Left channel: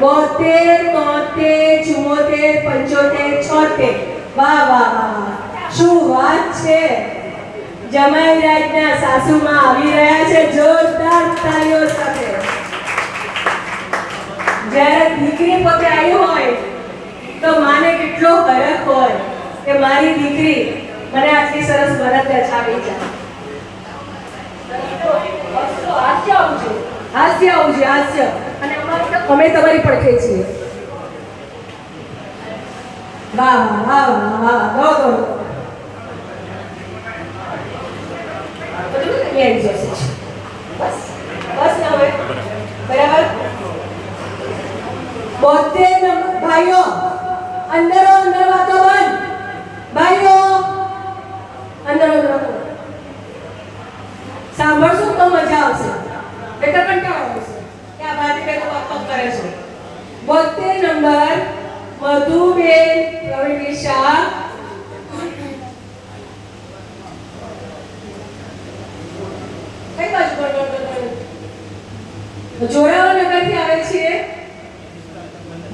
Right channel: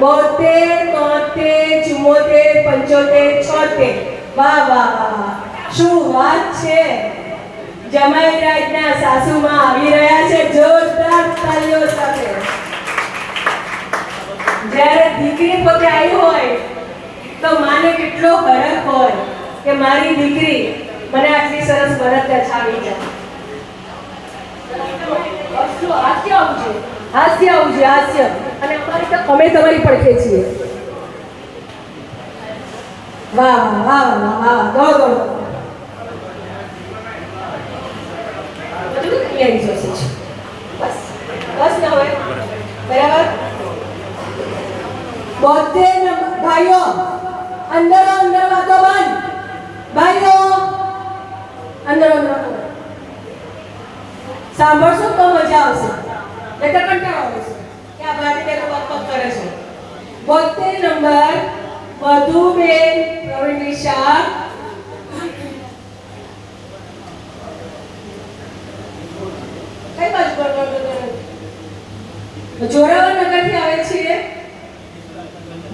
72, 73, 74, 75, 76. વાહ વાહ વાહ, શું વાત છે. જમાઈ રાજના સાસુમાં આવી રહ્યા છે જોરદાર તાળીઓ સાથે. જ્યારે દીકરી પોતે આવી હોય તો માને કેટલો હરખ હોય કે મારી દીકરી મને આટલી સરસ બળદરા છાડી જાય. હાસ્ય આવું છે હાસ્ય. અને અમે તમારી પડખે છીએ. વાહ વાહ વાહ વાહ, દો દો બધું આવી જશે. બસ બસ ને હવે બરાબર. 72 ભાઈઓ અંદરો અંદર વાતો બંધ. ભાઈઓ અંદરો અંદર સાંભળશું તો મજા આવશે. એટલે કંટાળો આવશે કે આ ભાઈ બેનો પગ કરે છે. 72 નંબર મધુબેન પ્રવીણ શાહ. કઈ બાજુ જોરાવરનગરથી આવે છે.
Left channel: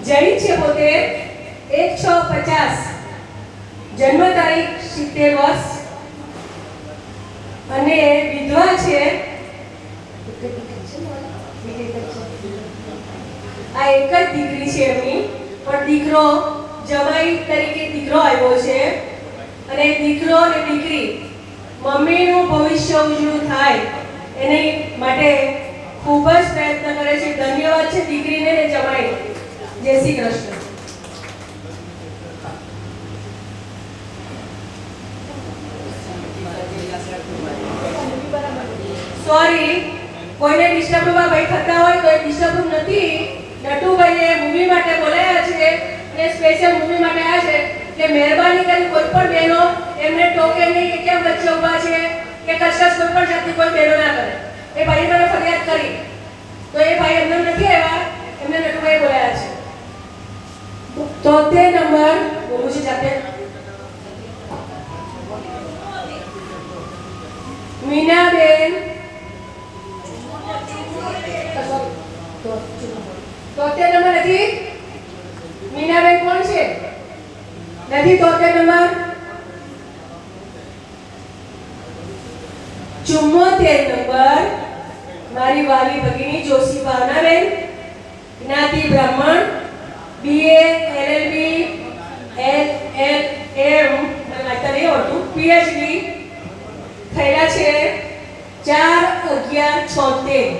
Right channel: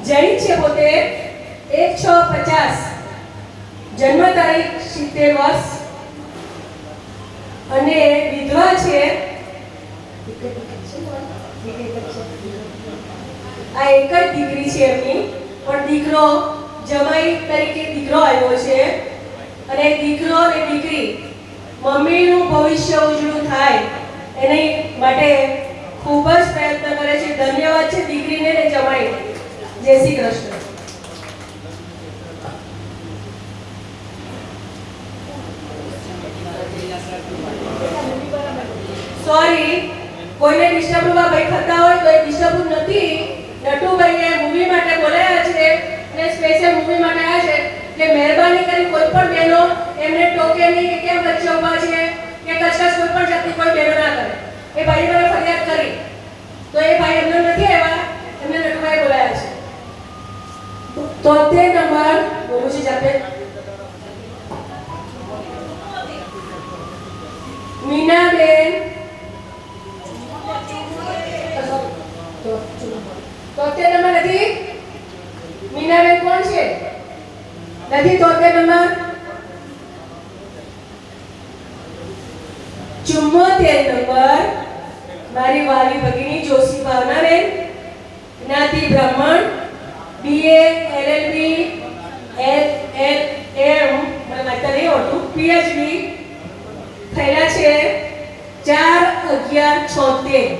જૈન છે પોતે. 1650 જન્મ તારીખ 70 વર્ષ અને વિધવા છે. આ એક જ દીકરી છે એમની, પણ દીકરો જમાઈ તરીકે દીકરો આવ્યો છે. અને દીકરો અને દીકરી મમ્મીનું ભવિષ્ય ઉજળું થાય એની માટે ખૂબ જ પ્રયત્ન કરે છે. ધન્યવાદ છે દીકરીને ને જમાઈને. જય શ્રી કૃષ્ણ. સોરી, કોઈને ડિસ્ટર્બ ભાઈ થતા હોય તો એ ડિસ્ટર્બ નથી. નટુભાઈએ મૂવી માટે બોલાયા છે ને સ્પેશિયલ મૂવી માટે આવ્યા છે. એટલે મહેરબાની કરી કોઈ પણ બહેનો એમને ટોકે નહીં કે કેમ વચ્ચે ઊભા છે કે કચકચ કોઈ પણ જાતની કોઈ બહેનો ના કરે. એ ભાઈ મને ફરિયાદ કરી તો એ ભાઈ એમને નથી આવ્યા, એમને નટુભાઈએ બોલાયા છે. 73 નંબર બોલું છે જાતે. મીનાબેન 73 નંબર નથી. મીનાબેન કોણ છે? નથી 73 નંબર. 74 નંબર મારી વાલી ભગીની જોશી ભાવનાબેન. જ્ઞાતિ બ્રાહ્મણ. BA LLB LLM મને વાંચતા નહીં આવડતું. PhD થયેલા છે. 4/11/76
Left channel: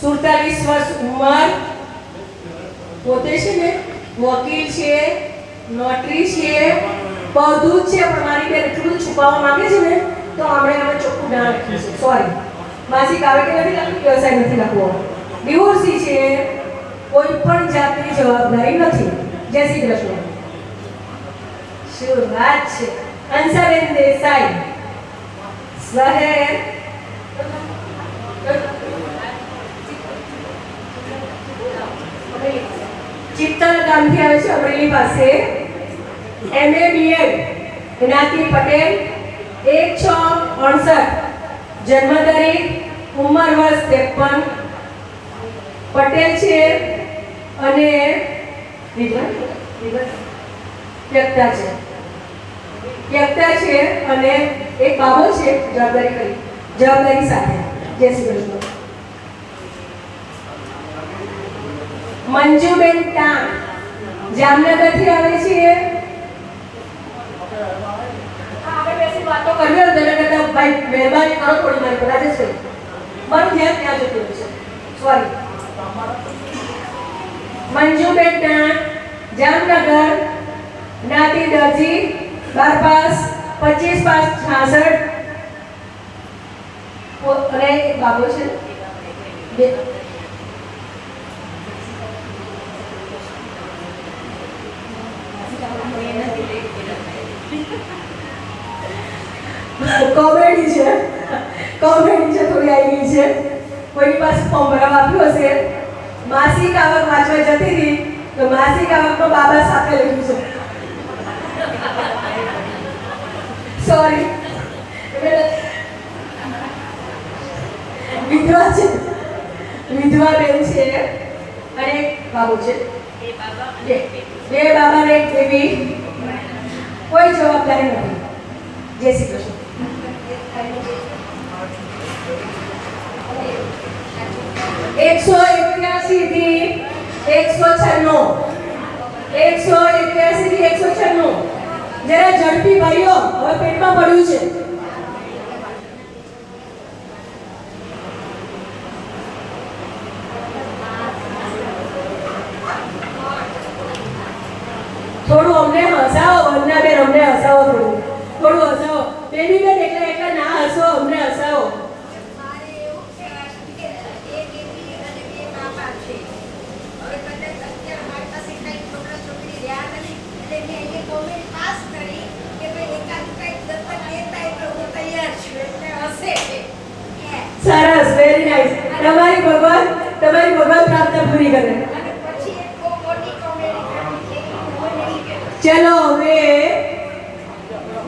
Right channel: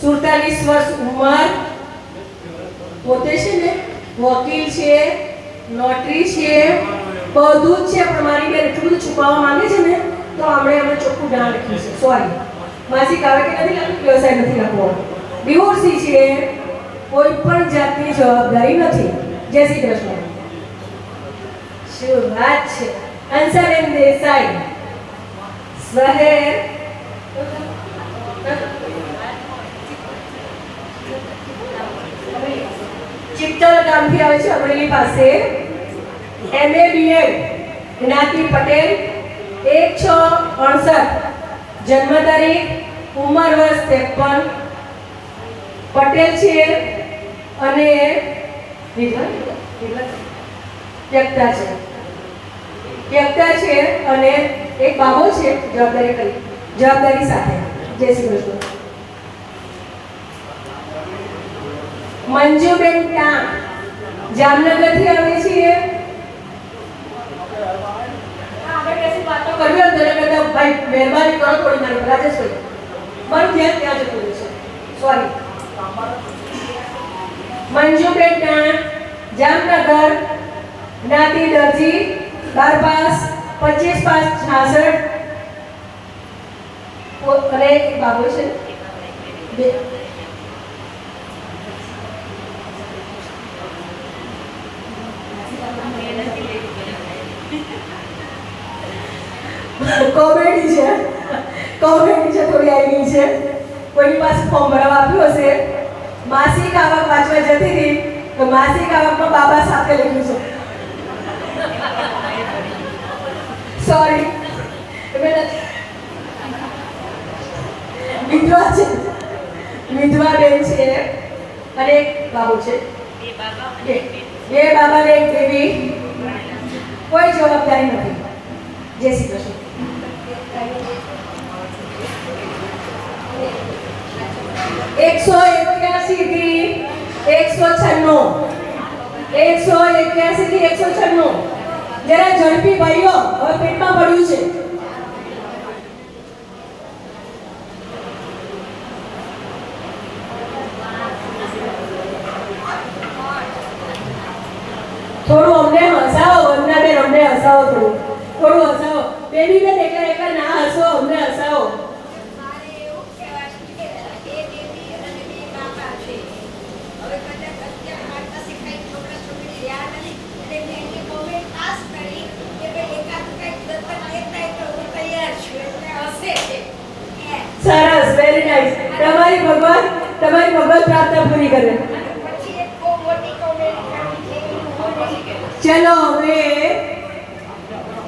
47 વર્ષ ઉંમર. પોતે છે ને વકીલ છે, નોટરી છે, બધું જ છે. પણ મારી બેન એટલું બધું છુપાવવા માંગે છે ને તો અમે ચોખ્ખું ના લખ્યું છે. સોરી, માસિક આવે કે નથી લખ્યું, વ્યવસાય નથી લખવો. ડિવોર્સી છે, કોઈ પણ જાતની જવાબદારી નથી. જય શ્રી કૃષ્ણ. શું વાત છે. હંસાબેન દેસાઈ શહેર ચિત્તલ ગામથી આવે છે, અમરેલી પાસે. MA BEd. જ્ઞાતિ પટેલ. 1/6/68 જન્મ તારીખ, ઉંમર વર્ષ 53. પટેલ છે અને ત્યક્તા છે અને એક બાબો છે. જવાબદારી સાથે. જય શ્રી કૃષ્ણ. મંજુબેન ટાણ જામનગરથી આવે છે. આપણે બેસી વાતો કરવી હોય તેના કરતા ભાઈ મહેરબાની કરો થોડી મારી બધા જશે. મારું ધ્યાન ત્યાં જતું રહેશે. સોરી. મંજુબેન ટાણ જામનગર. જ્ઞાતિ દરજી. 12 પાસ, 25 પાસ 66 અને એક બાબો છે. કોમેડી છે થોડી આવી છે. કોઈની પાસે ફોર્મ ભરવા આપ્યું હશે. માસિક આવક વાંચવા જતી હતી તો માસિક આવકમાં બાબા સાથે લખ્યું છે. સોરી, વિધવા બેન છે અને એક બાબુ છે. બે બાબા અને બે એક બેબી. બે બાબા ને એક બેબી. કોઈ જવાબદારી નથી. જય શ્રી કૃષ્ણ. 181 થી 196. 181 થી 196. જરા ઝડપી ભાઈઓ, હવે પેટમાં પડ્યું છે. થોડું અમને હસાવો, વંદના બેન, અમને હસાવો થોડું હસાવો. બેબી બેન એકલા એકલા ના હસો, અમને હસાવો. મારે એવું કહેવાનું છે કે એ બેબી અને બે બાબા છે. હવે કદાચ અત્યારે મારી પાસે કંઈ છોકરા છોકરી રહ્યા નથી એટલે મેં એને કોમેન્ટ પાસ કરી કે ભાઈ એકાદું કંઈક દત્તક લેતા હોય તો હું તૈયાર છું. એટલે હશે છે. સરસ, વેરી નાઇસ. તમારી ભગવાન પ્રાર્થના પૂરી કરે. અને પછી એક બહુ મોટી કોમેન્ટ કરી છે કે ચલો હવે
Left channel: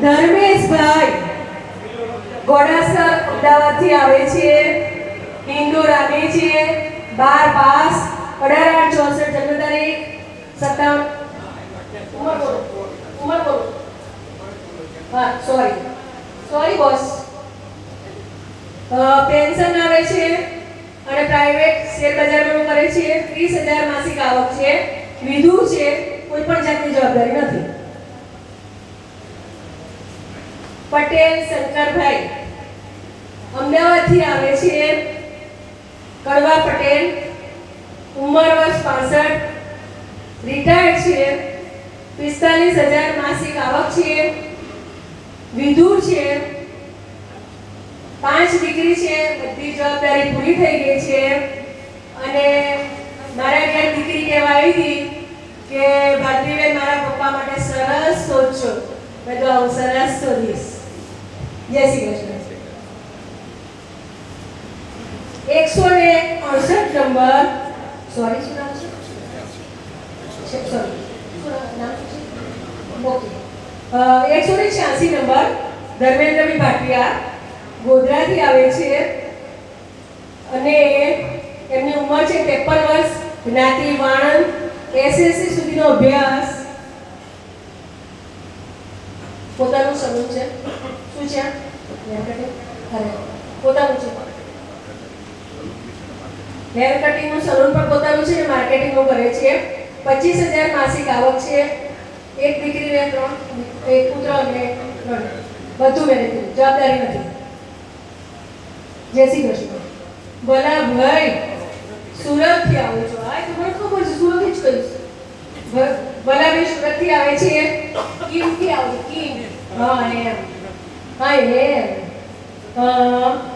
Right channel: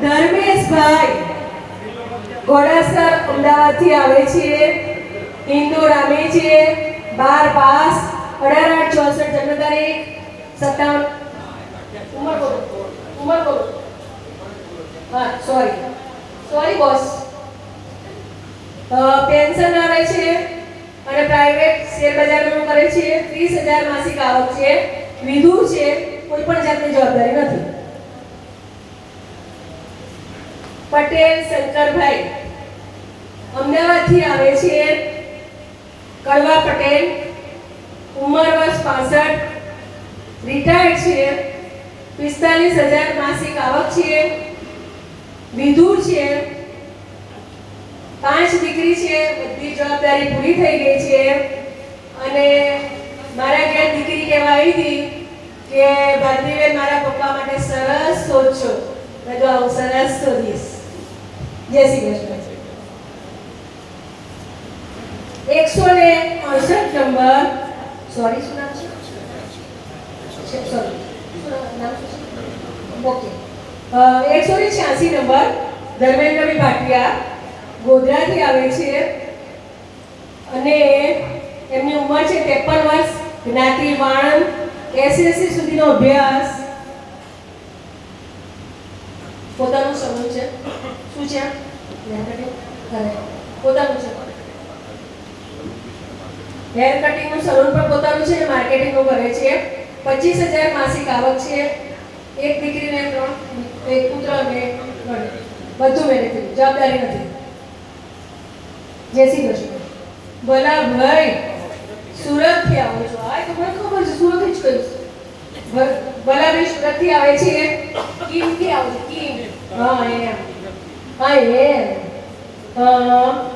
ધર્મેશભાઈ ઘોડાસર અમદાવાદથી આવે છે. હિન્દુ રામી છે. 12 પાસ, 1864 જન્મ તારીખ, 57 ઉંમર બોલો. હા, સોરી બોસ. પેન્શન આવે છે અને પ્રાઇવેટ શેર બજારમાં કરે છે. 30,000 માસિક આવક છે. વિધુ છે. કોઈ પણ જાતની જવાબદારી નથી. પટેલ શંકરભાઈ અમદાવાદથી આવે છે. કડવા પટેલ, ઉંમર વર્ષ 65, રિટાયર્ડ છે. 45,000 માસિક આવક છે. વિધુ છે. 5 દીકરી છે. બધી જવાબદારી પૂરી થઈ ગઈ છે. અને મારા ઘરે દીકરી કહેવા આવી હતી કે ભાદ્રીબેન મારા પપ્પા માટે સરસ સોચો. મેં તો આવું સરસ શોધીશ. જય શ્રી કૃષ્ણ. 168 નંબર. સોરી, શું નામ છે? સોરી, નામ શું છે? ઓકે. 186 નંબર. ધર્મેન્દ્રભાઈ ભાટિયા ગોધરાથી આવે છે અને એમની ઉંમર છે 53 વર્ષ. જ્ઞાતિ વાણંદ. એસએસસી સુધીનો અભ્યાસ. પોતાનું સલૂન છે. શું છે? પોતાનું છે. હેર કટિંગનું સલૂન પણ પોતાનું છે. માર્કેટિંગનું કરે છે. 25,000 માસિક આવક છે. એક દીકરીને 3, એક પુત્ર અને 3. બધું મેરેજ થયું. જવાબદારી નથી. જય શ્રી કૃષ્ણ. ભલાભાઈ સુરતથી આવો છો. આ તો મને ખબર છે, સુરત જ કહીશ. ભલાભાઈ સુરતથી આવે છે. કિમથી આવે છે. કિમ. હા, એમ.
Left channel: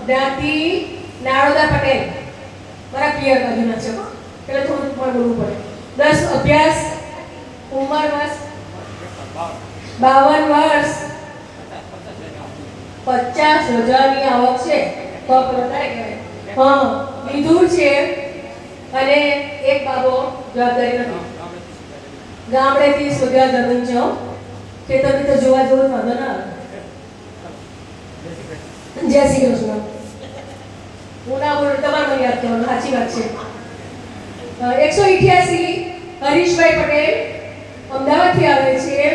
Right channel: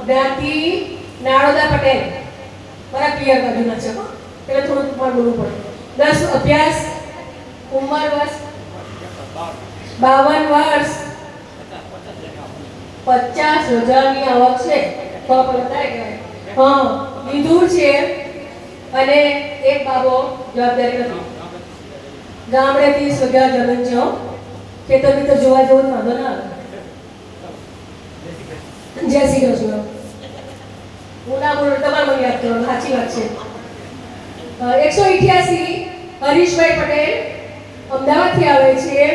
જ્ઞાતિ નારોદા પટેલ. મારા પિયર બાજુના છે. એટલે થોડુંક બોલવું પડે. 10 અભ્યાસ. ઉંમર વર્ષ 52 વર્ષ. 50,000ની આવક છે. તો વધારે કહેવાય. હા, વિધુર છે અને એક બાબો. જવાબદારી નથી. ગામડેથી સુધા જમીન છે. તે તમે તો જોવા જેવું વાંધો ના આવે. જય શ્રી કૃષ્ણ. હું ના બોલું, તમારે મને યાદ કરવાનું. સાચી વાત છે. 188 હરીશભાઈ પટેલ અમદાવાદથી આવે છે.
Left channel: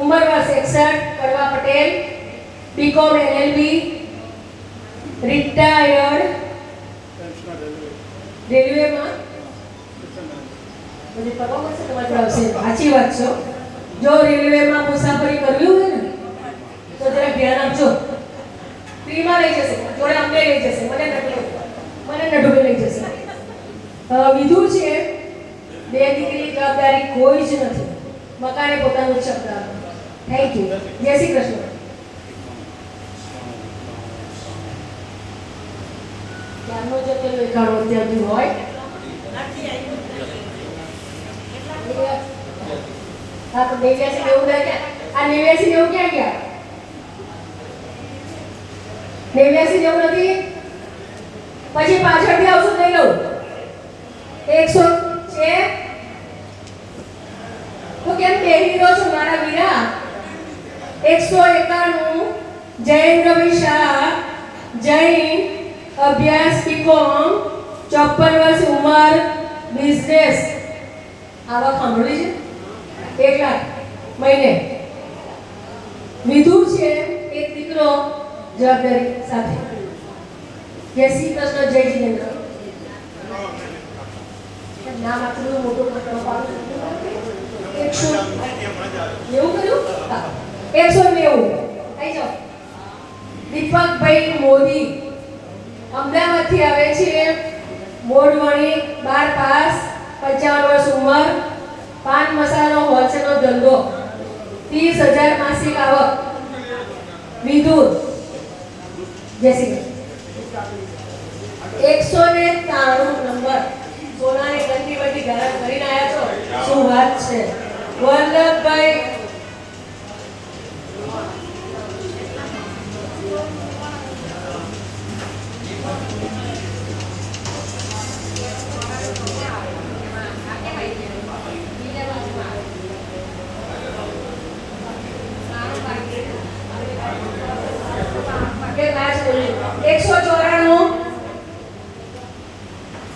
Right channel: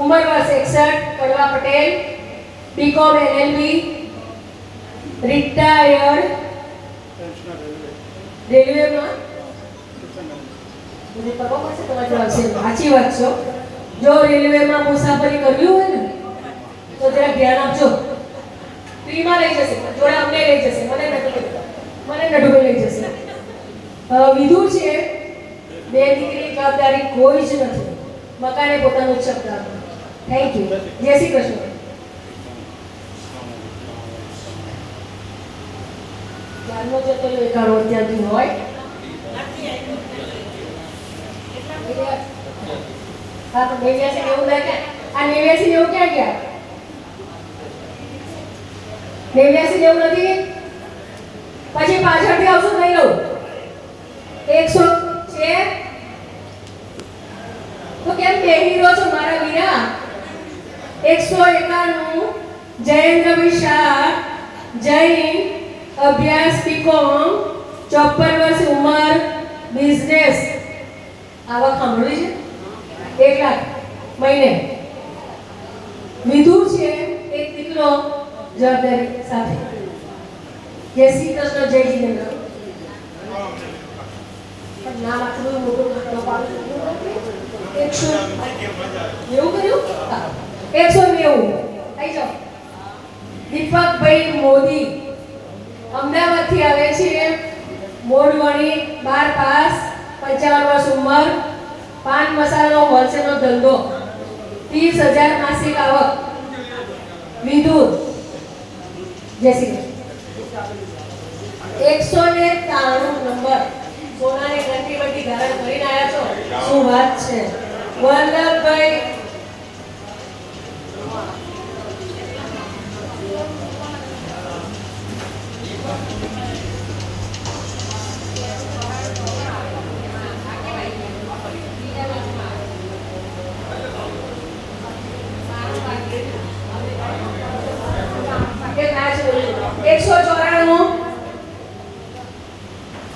ઉંમર વર્ષ 61. કડવા પટેલ. BCom LLB. રિટાયર્ડ. રેલવેમાં બધી પગો પડશે તમારી આવશે. સાચી વાત છે. જો રેલવેમાં મુસાફરી કરવી હોય ને તો જરા ધ્યાન આપજો. ફ્રીમાં લઈ જશે. જોડે અમને લઈ જશે. મને નટુભાઈ લઈ જશે. વિધુ છે. 2 દીકરી. જવાબદારી કોઈ જ નથી. મકાને પોતાનું જ શબ્દ આપો. Thank you. જય શ્રી કૃષ્ણ. ત્યારનો જતો એકાડો અત્યારથી હોય. હા, તો 89 90 થાય ક્યાં? આ 89 90 ક્યાં ગયા? 89 90 નથી. પછી પાછળથી આવશું લઈ લઉં. 100 છે તો કેમ બેહી રહ્યો છો મારા વીરા? 191 જયેન્દ્રભાઈ શાહ. જૈન. અભ્યાસ બીકોમ. 54 વર્ષ. ઉંમર બિઝનેસ આવક સાંભળી છે 1 લાખ મહિને. વિધુર છે એક દીકરો જવાબદારી સાથે. જય શ્રી કૃષ્ણ, જય જીનેન્દ્ર. નામ આટલું મોટું નામ પાડું 190 કર્યું. 190 આવી જાઓ. દીપકભાઈ મોદી અમદાવાદથી આવે છે. મોડવણી 12 પાસ, 55 વર્ષ ઉંમર, પાન મસાલાનો હોલસેલનો ધંધો, 30,000 માસિક આવક. વિધુર. જય શ્રી કૃષ્ણ. 193 નંબર. સોનાને ઘંટી બધી ધારણ કરીને આવ્યા છો. શું વાત છે. વલ્લભભાઈ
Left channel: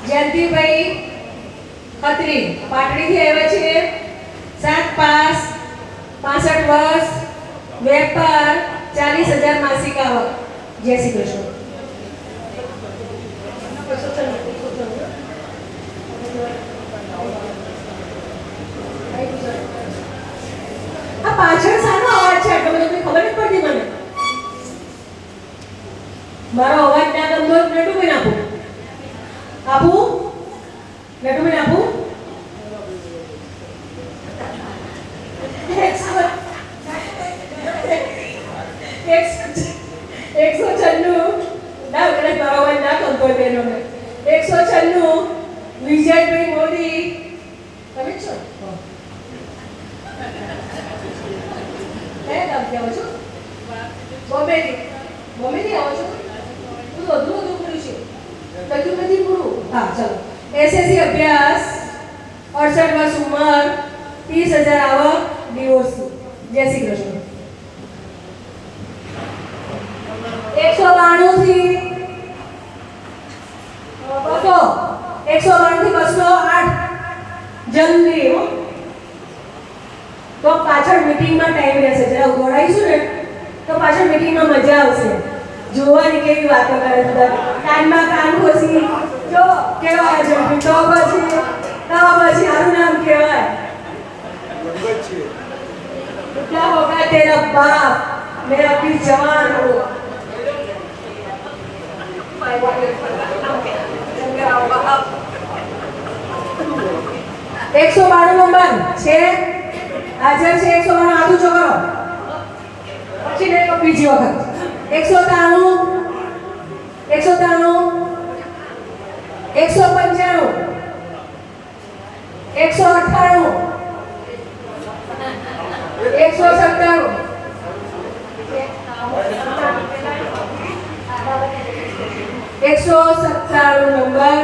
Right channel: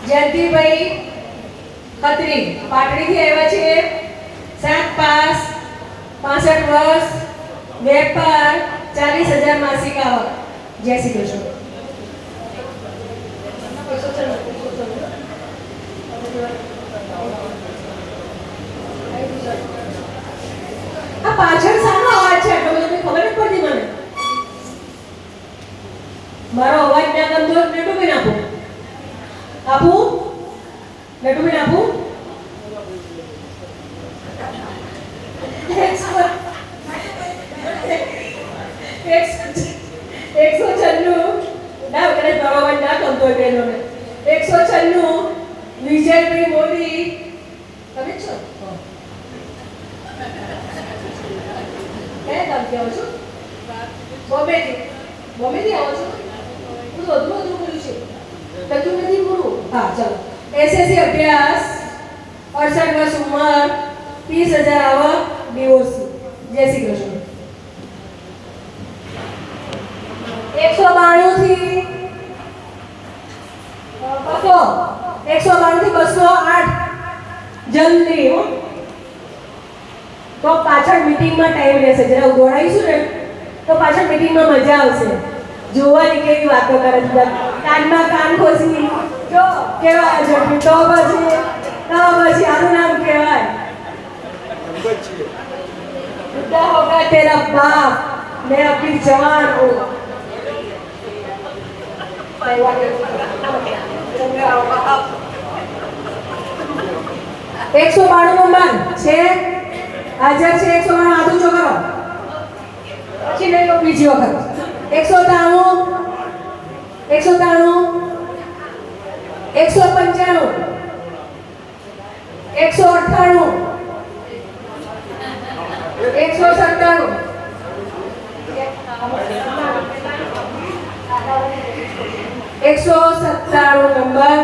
જયંતિભાઈ ખત્રી પાટડીથી આવ્યા છે. 7 પાસ, 65 વર્ષ, વેપાર, 40,000 માસિક આવક. જય શ્રી કૃષ્ણ. આ પાછળ સાનો અવાજ છે? તમને ખબર નથી પડતી મને. મારો અવાજ ના ગમતો નટુબેન આપું. નટુબેન આપું. 196 ના કદાચ મારો અવાજ ના ગમતો હોય બહેનોને. 196 વિજયભાઈ મોદી. તમે જ છો? કયા ગામથી આવો છો? બોમ્બેથી આવો છો? બધું અધૂરું બોલ્યું છે. લખ્યું નથી પૂરું. હા ચલો. એસએસસી અભ્યાસ, 68 વર્ષ ઉંમર, 30,000 આવક, ડિવોર્સી. જય શ્રી કૃષ્ણ. 192 થી 208 જલ્દી હો. તો પાછળ મીટિંગમાં ટાઈમ રહેશે. જરા દોડાઈશું ને તો પાછળ મીટિંગમાં મજા આવશે. જોવાની કેવી વાતો કરે બધા. કાનમાં કાન ખોસી જો કેવા ઝડપી. તો પછી આનું નામ કહેવાય क्या होगा तेरा बाप मैं अभी जवान हूँ. 192 નંબર છે. હાજર છે. 192 હાથ ઊંચો કરો. પછી નહીં લો બીજી વખત. 193 195 198 197 197 નંબર.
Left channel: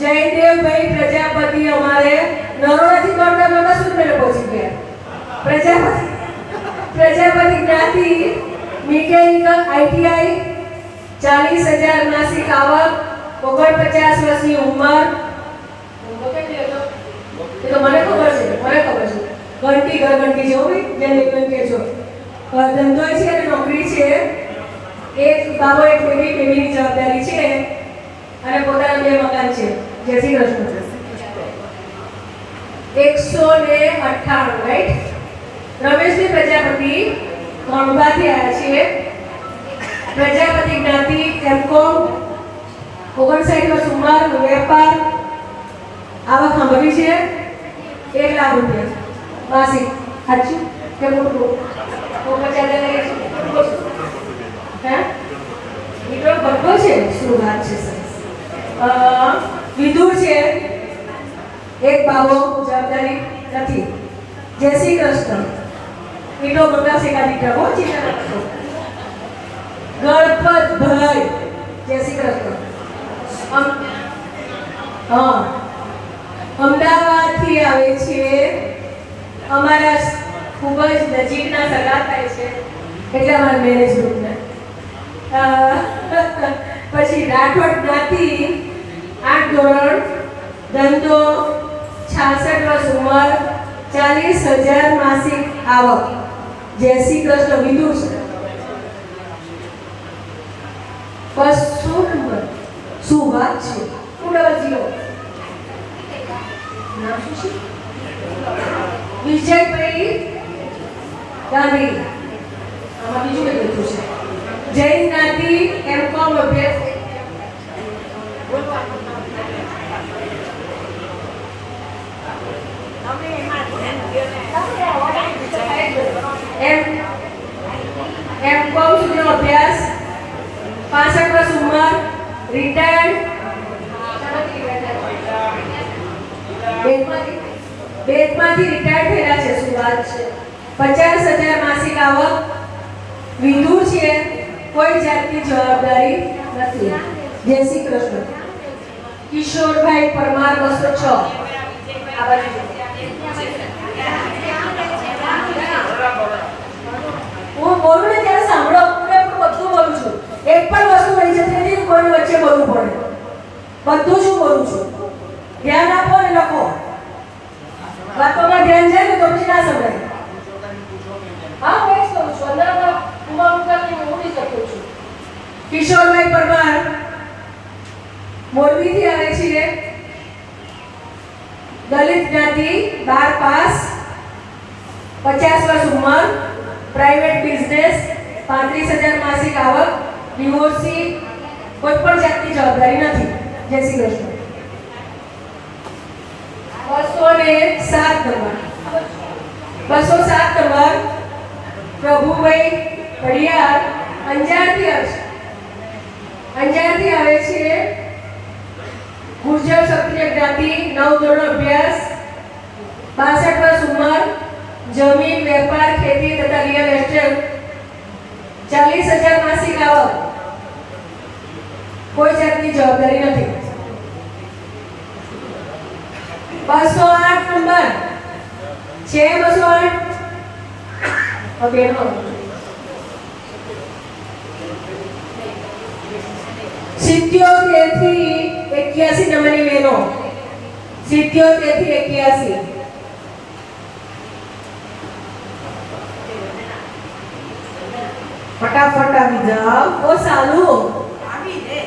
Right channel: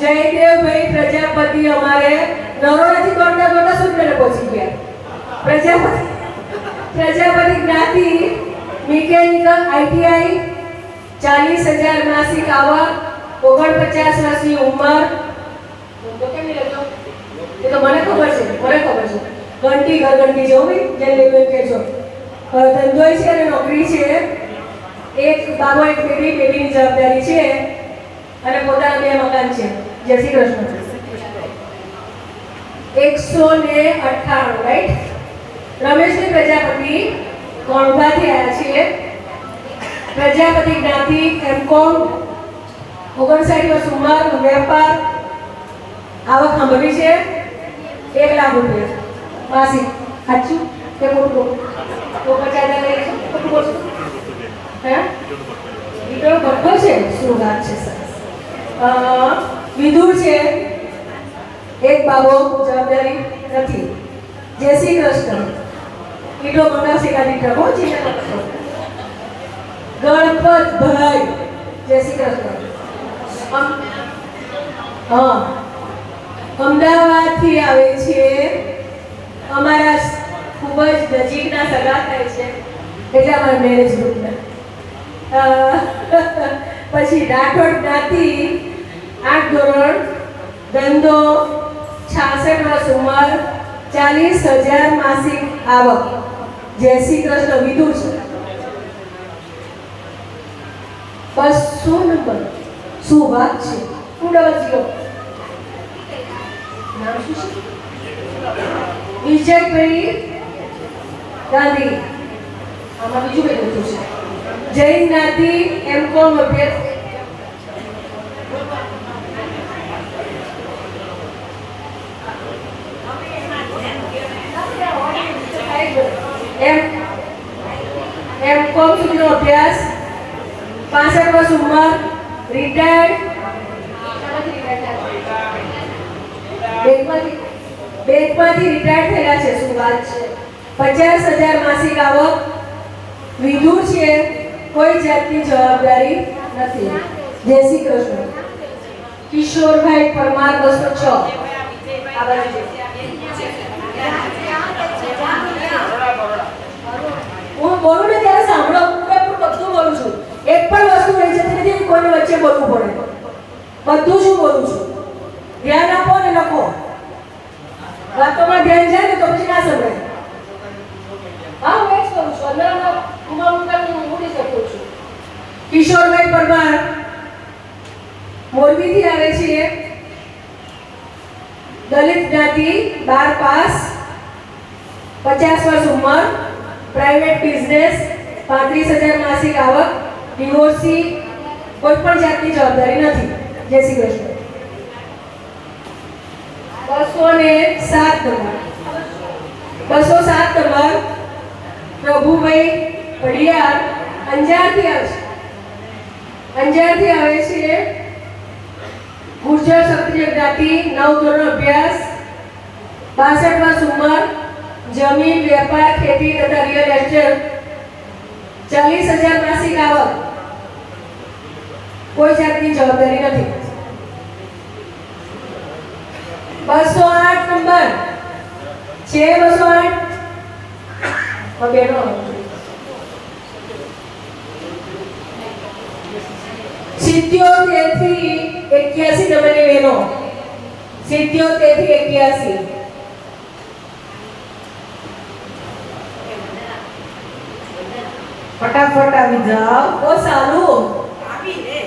જયદેવભાઈ પ્રજાપતિ અમારે નરોડાથી કરતા સુરત પહોંચી ગયા. પ્રજાપતિ જ્ઞાતિ, મિકેનિકલ આઈટીઆઈ, 40,000 માસિક આવક, 49 વર્ષની ઉંમર. એ તો મને ખબર છે. ઘંટી ઘંટી જેવું જેને કહેજો. ધંધો છે અને નોકરી છે. એક બાબો એક બેબીની જવાબદારી છે અને પોતાના 2 મકાન છે. જય શ્રી કૃષ્ણ. 198 રાઈટ. રમેશની પ્રજાપતિ કોણભાથી આવ્યા છે. પ્રજાપતિ જ્ઞાતિ, એમકોમ, 59 વર્ષ ઉંમર, વેપાર, આવક સાંભળવી છે 1 લાખ રૂપિયા માસિક. સાચું કે ખોટું? 50,000 લઈશું. હે વીટો ભરપો છે. શું વાત છે. સરસ. વિધુર છે. એક બાબો જવાબદારી નથી. જય શ્રી કૃષ્ણ. વીટો મોટા શેકાતી ટકો ચીના. ગણપતભાઈ. જય શ્રી કૃષ્ણ. અમદાવાદથી આવે છે. અમારા ખૂબ જ નજીકના સગા થાય છે એટલે અમારા મેનેજમેન્ટના. પછી રાઠોડ જ્ઞાતિ, 8 ધોરણ, ધંધો, 66 વર્ષ ઉંમર, 40,000 માસિક આવક. જય શ્રી કૃષ્ણ. વિદુર છે. 200 નંબર. શું વાત છે? 200. નામ શું છે? વિજયભાઈ ગાંધી. આમાં બીજું કઈ લખ્યું છે? જૈન જ્ઞાતિ, M.Com અભ્યાસ. M.Com સુધીનો અભ્યાસ, 65 વર્ષ ઉંમર, રિટાયર્ડ. બેંકમાંથી રિટાયર્ડ થયેલા છે. શું વાત છે? 50,000 માસિક આવક. વિધુર છે. કોઈ જાતની જવાબદારી નથી. જય શ્રી કૃષ્ણ. કિશોરભાઈ પરમાર 206. આ બાજુ હું બોલું ને ત્યારે સાંભળો. હું પણ બધું બોલું છું. એક પણ વસ્તુ રહી જતી નથી કે કોઈની વચ્ચે બોલવું પડે. બધું જ બોલું છું. ધ્યાન આપો અને લખો. વાતોમાં ધ્યાન જાય ને તો પછી ના સમજાય. હા, હું એ જ કહું છું. અંદર ઉમા મુકાની હું ઉડી શકું છું. કિશોરભાઈ પરમાર મોરબીથી આવે છે. દલિત જ્ઞાતિ, 12 પાસ, 50 વર્ષ ઉંમર, પ્રાઇવેટ બિઝનેસ, 35,000 માસિક આવક, ડિવોર્સી, કોઈ પણ જાતની જવાબદારી નથી. જય શ્રી કૃષ્ણ. 207 નંબર. 207 નંબર. પ્રભુભાઈ ઘડિયાળ અંજારથી આવે છે. અંજારથી આવે છે. ગુર્જર ક્ષત્રિય જ્ઞાતિ, 9 ધોરણ અભ્યાસ, 62 વર્ષ ઉંમર, જમીન, વેપાર, ખેતી તથા રિયલ એસ્ટેટ, 40,000 માસિક આવક, કોઈ જાતની જવાબદારી નથી. 208 નંબર છે. 208 બેનો 77 થી 81 નંબરની બહેનો. 77 થી 81. ફટાફટ આવી જાઓ. ઓ સારું આવી રે.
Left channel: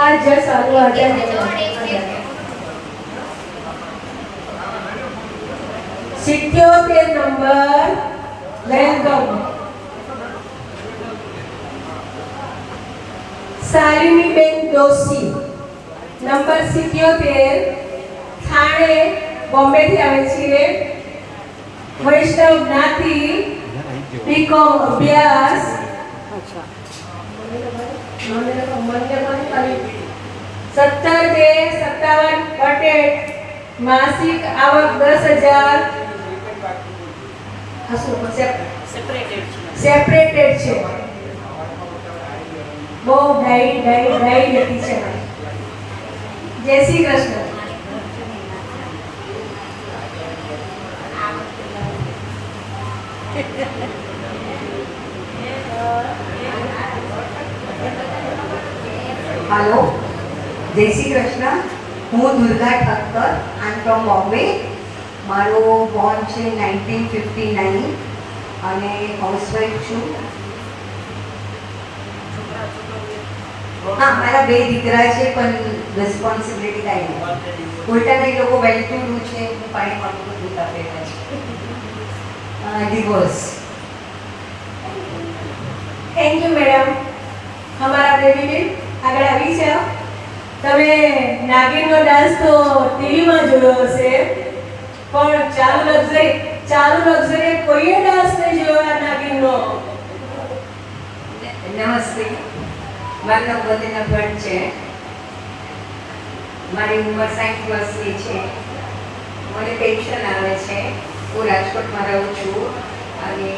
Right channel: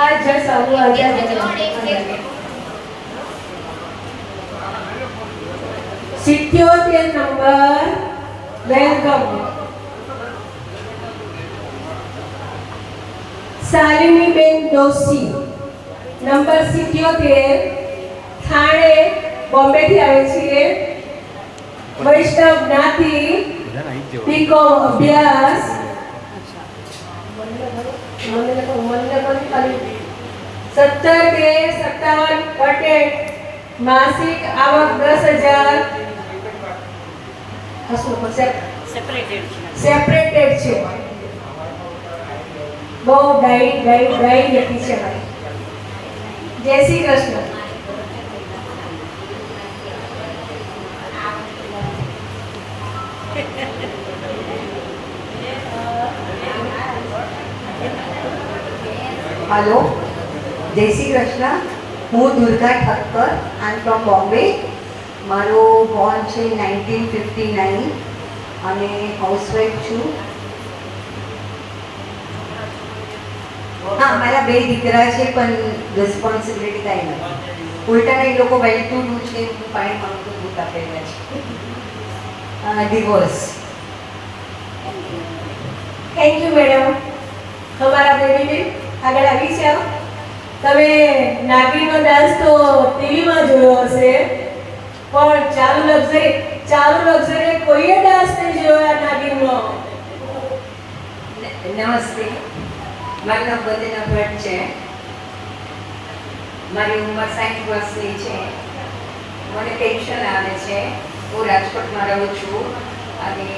આ જ સારું Arjan. 77 number. Welcome. શાલિનીબેન Doshi number 77, Thane, બોમ્બેથી આવે છે. વૈષ્ણવ જ્ઞાતિ, B.Com અભ્યાસ. 17/2/57 કટેડ, માસિક આવક 10,000. આ શું સેપરેટેડ છે. બહુ ડાઈ લખી છે. જય શ્રી કૃષ્ણ. हेलो, जय श्री कृष्ण. હું દુર્ગા ઠક્કર. આઈ એમ ફ્રોમ બોમ્બે. મારો બોર્ન છે 1959 અને હાઉસવાઈફ છું. હા, મારા 2 દીકરા છે પણ રિસ્પોન્સિબિલિટી કાંઈ નથી. ઉલટાને એ લોકો વેલ ટુ ડુ છે. હું પાણી પાણી તો દૂધ આપેલા છે. ડિવોર્સ. Thank you madam. हमारा बेबी ने આગળ આવી છે. તમે નાગીનનો ડાન્સ તો ટીવીમાં જોયો હશે, પણ ચાલુ લક્ઝરી કોઈએ ડાન્સ નહીં જોયો આ નાગીનનો. નમસ્તે, મારું નામ વંદના ભટ્ટ છે. મારી ઉંમર 60 વર્ષની છે. મને પેન્શન આવે છે. હું રાજકોટમાં રહું છું અને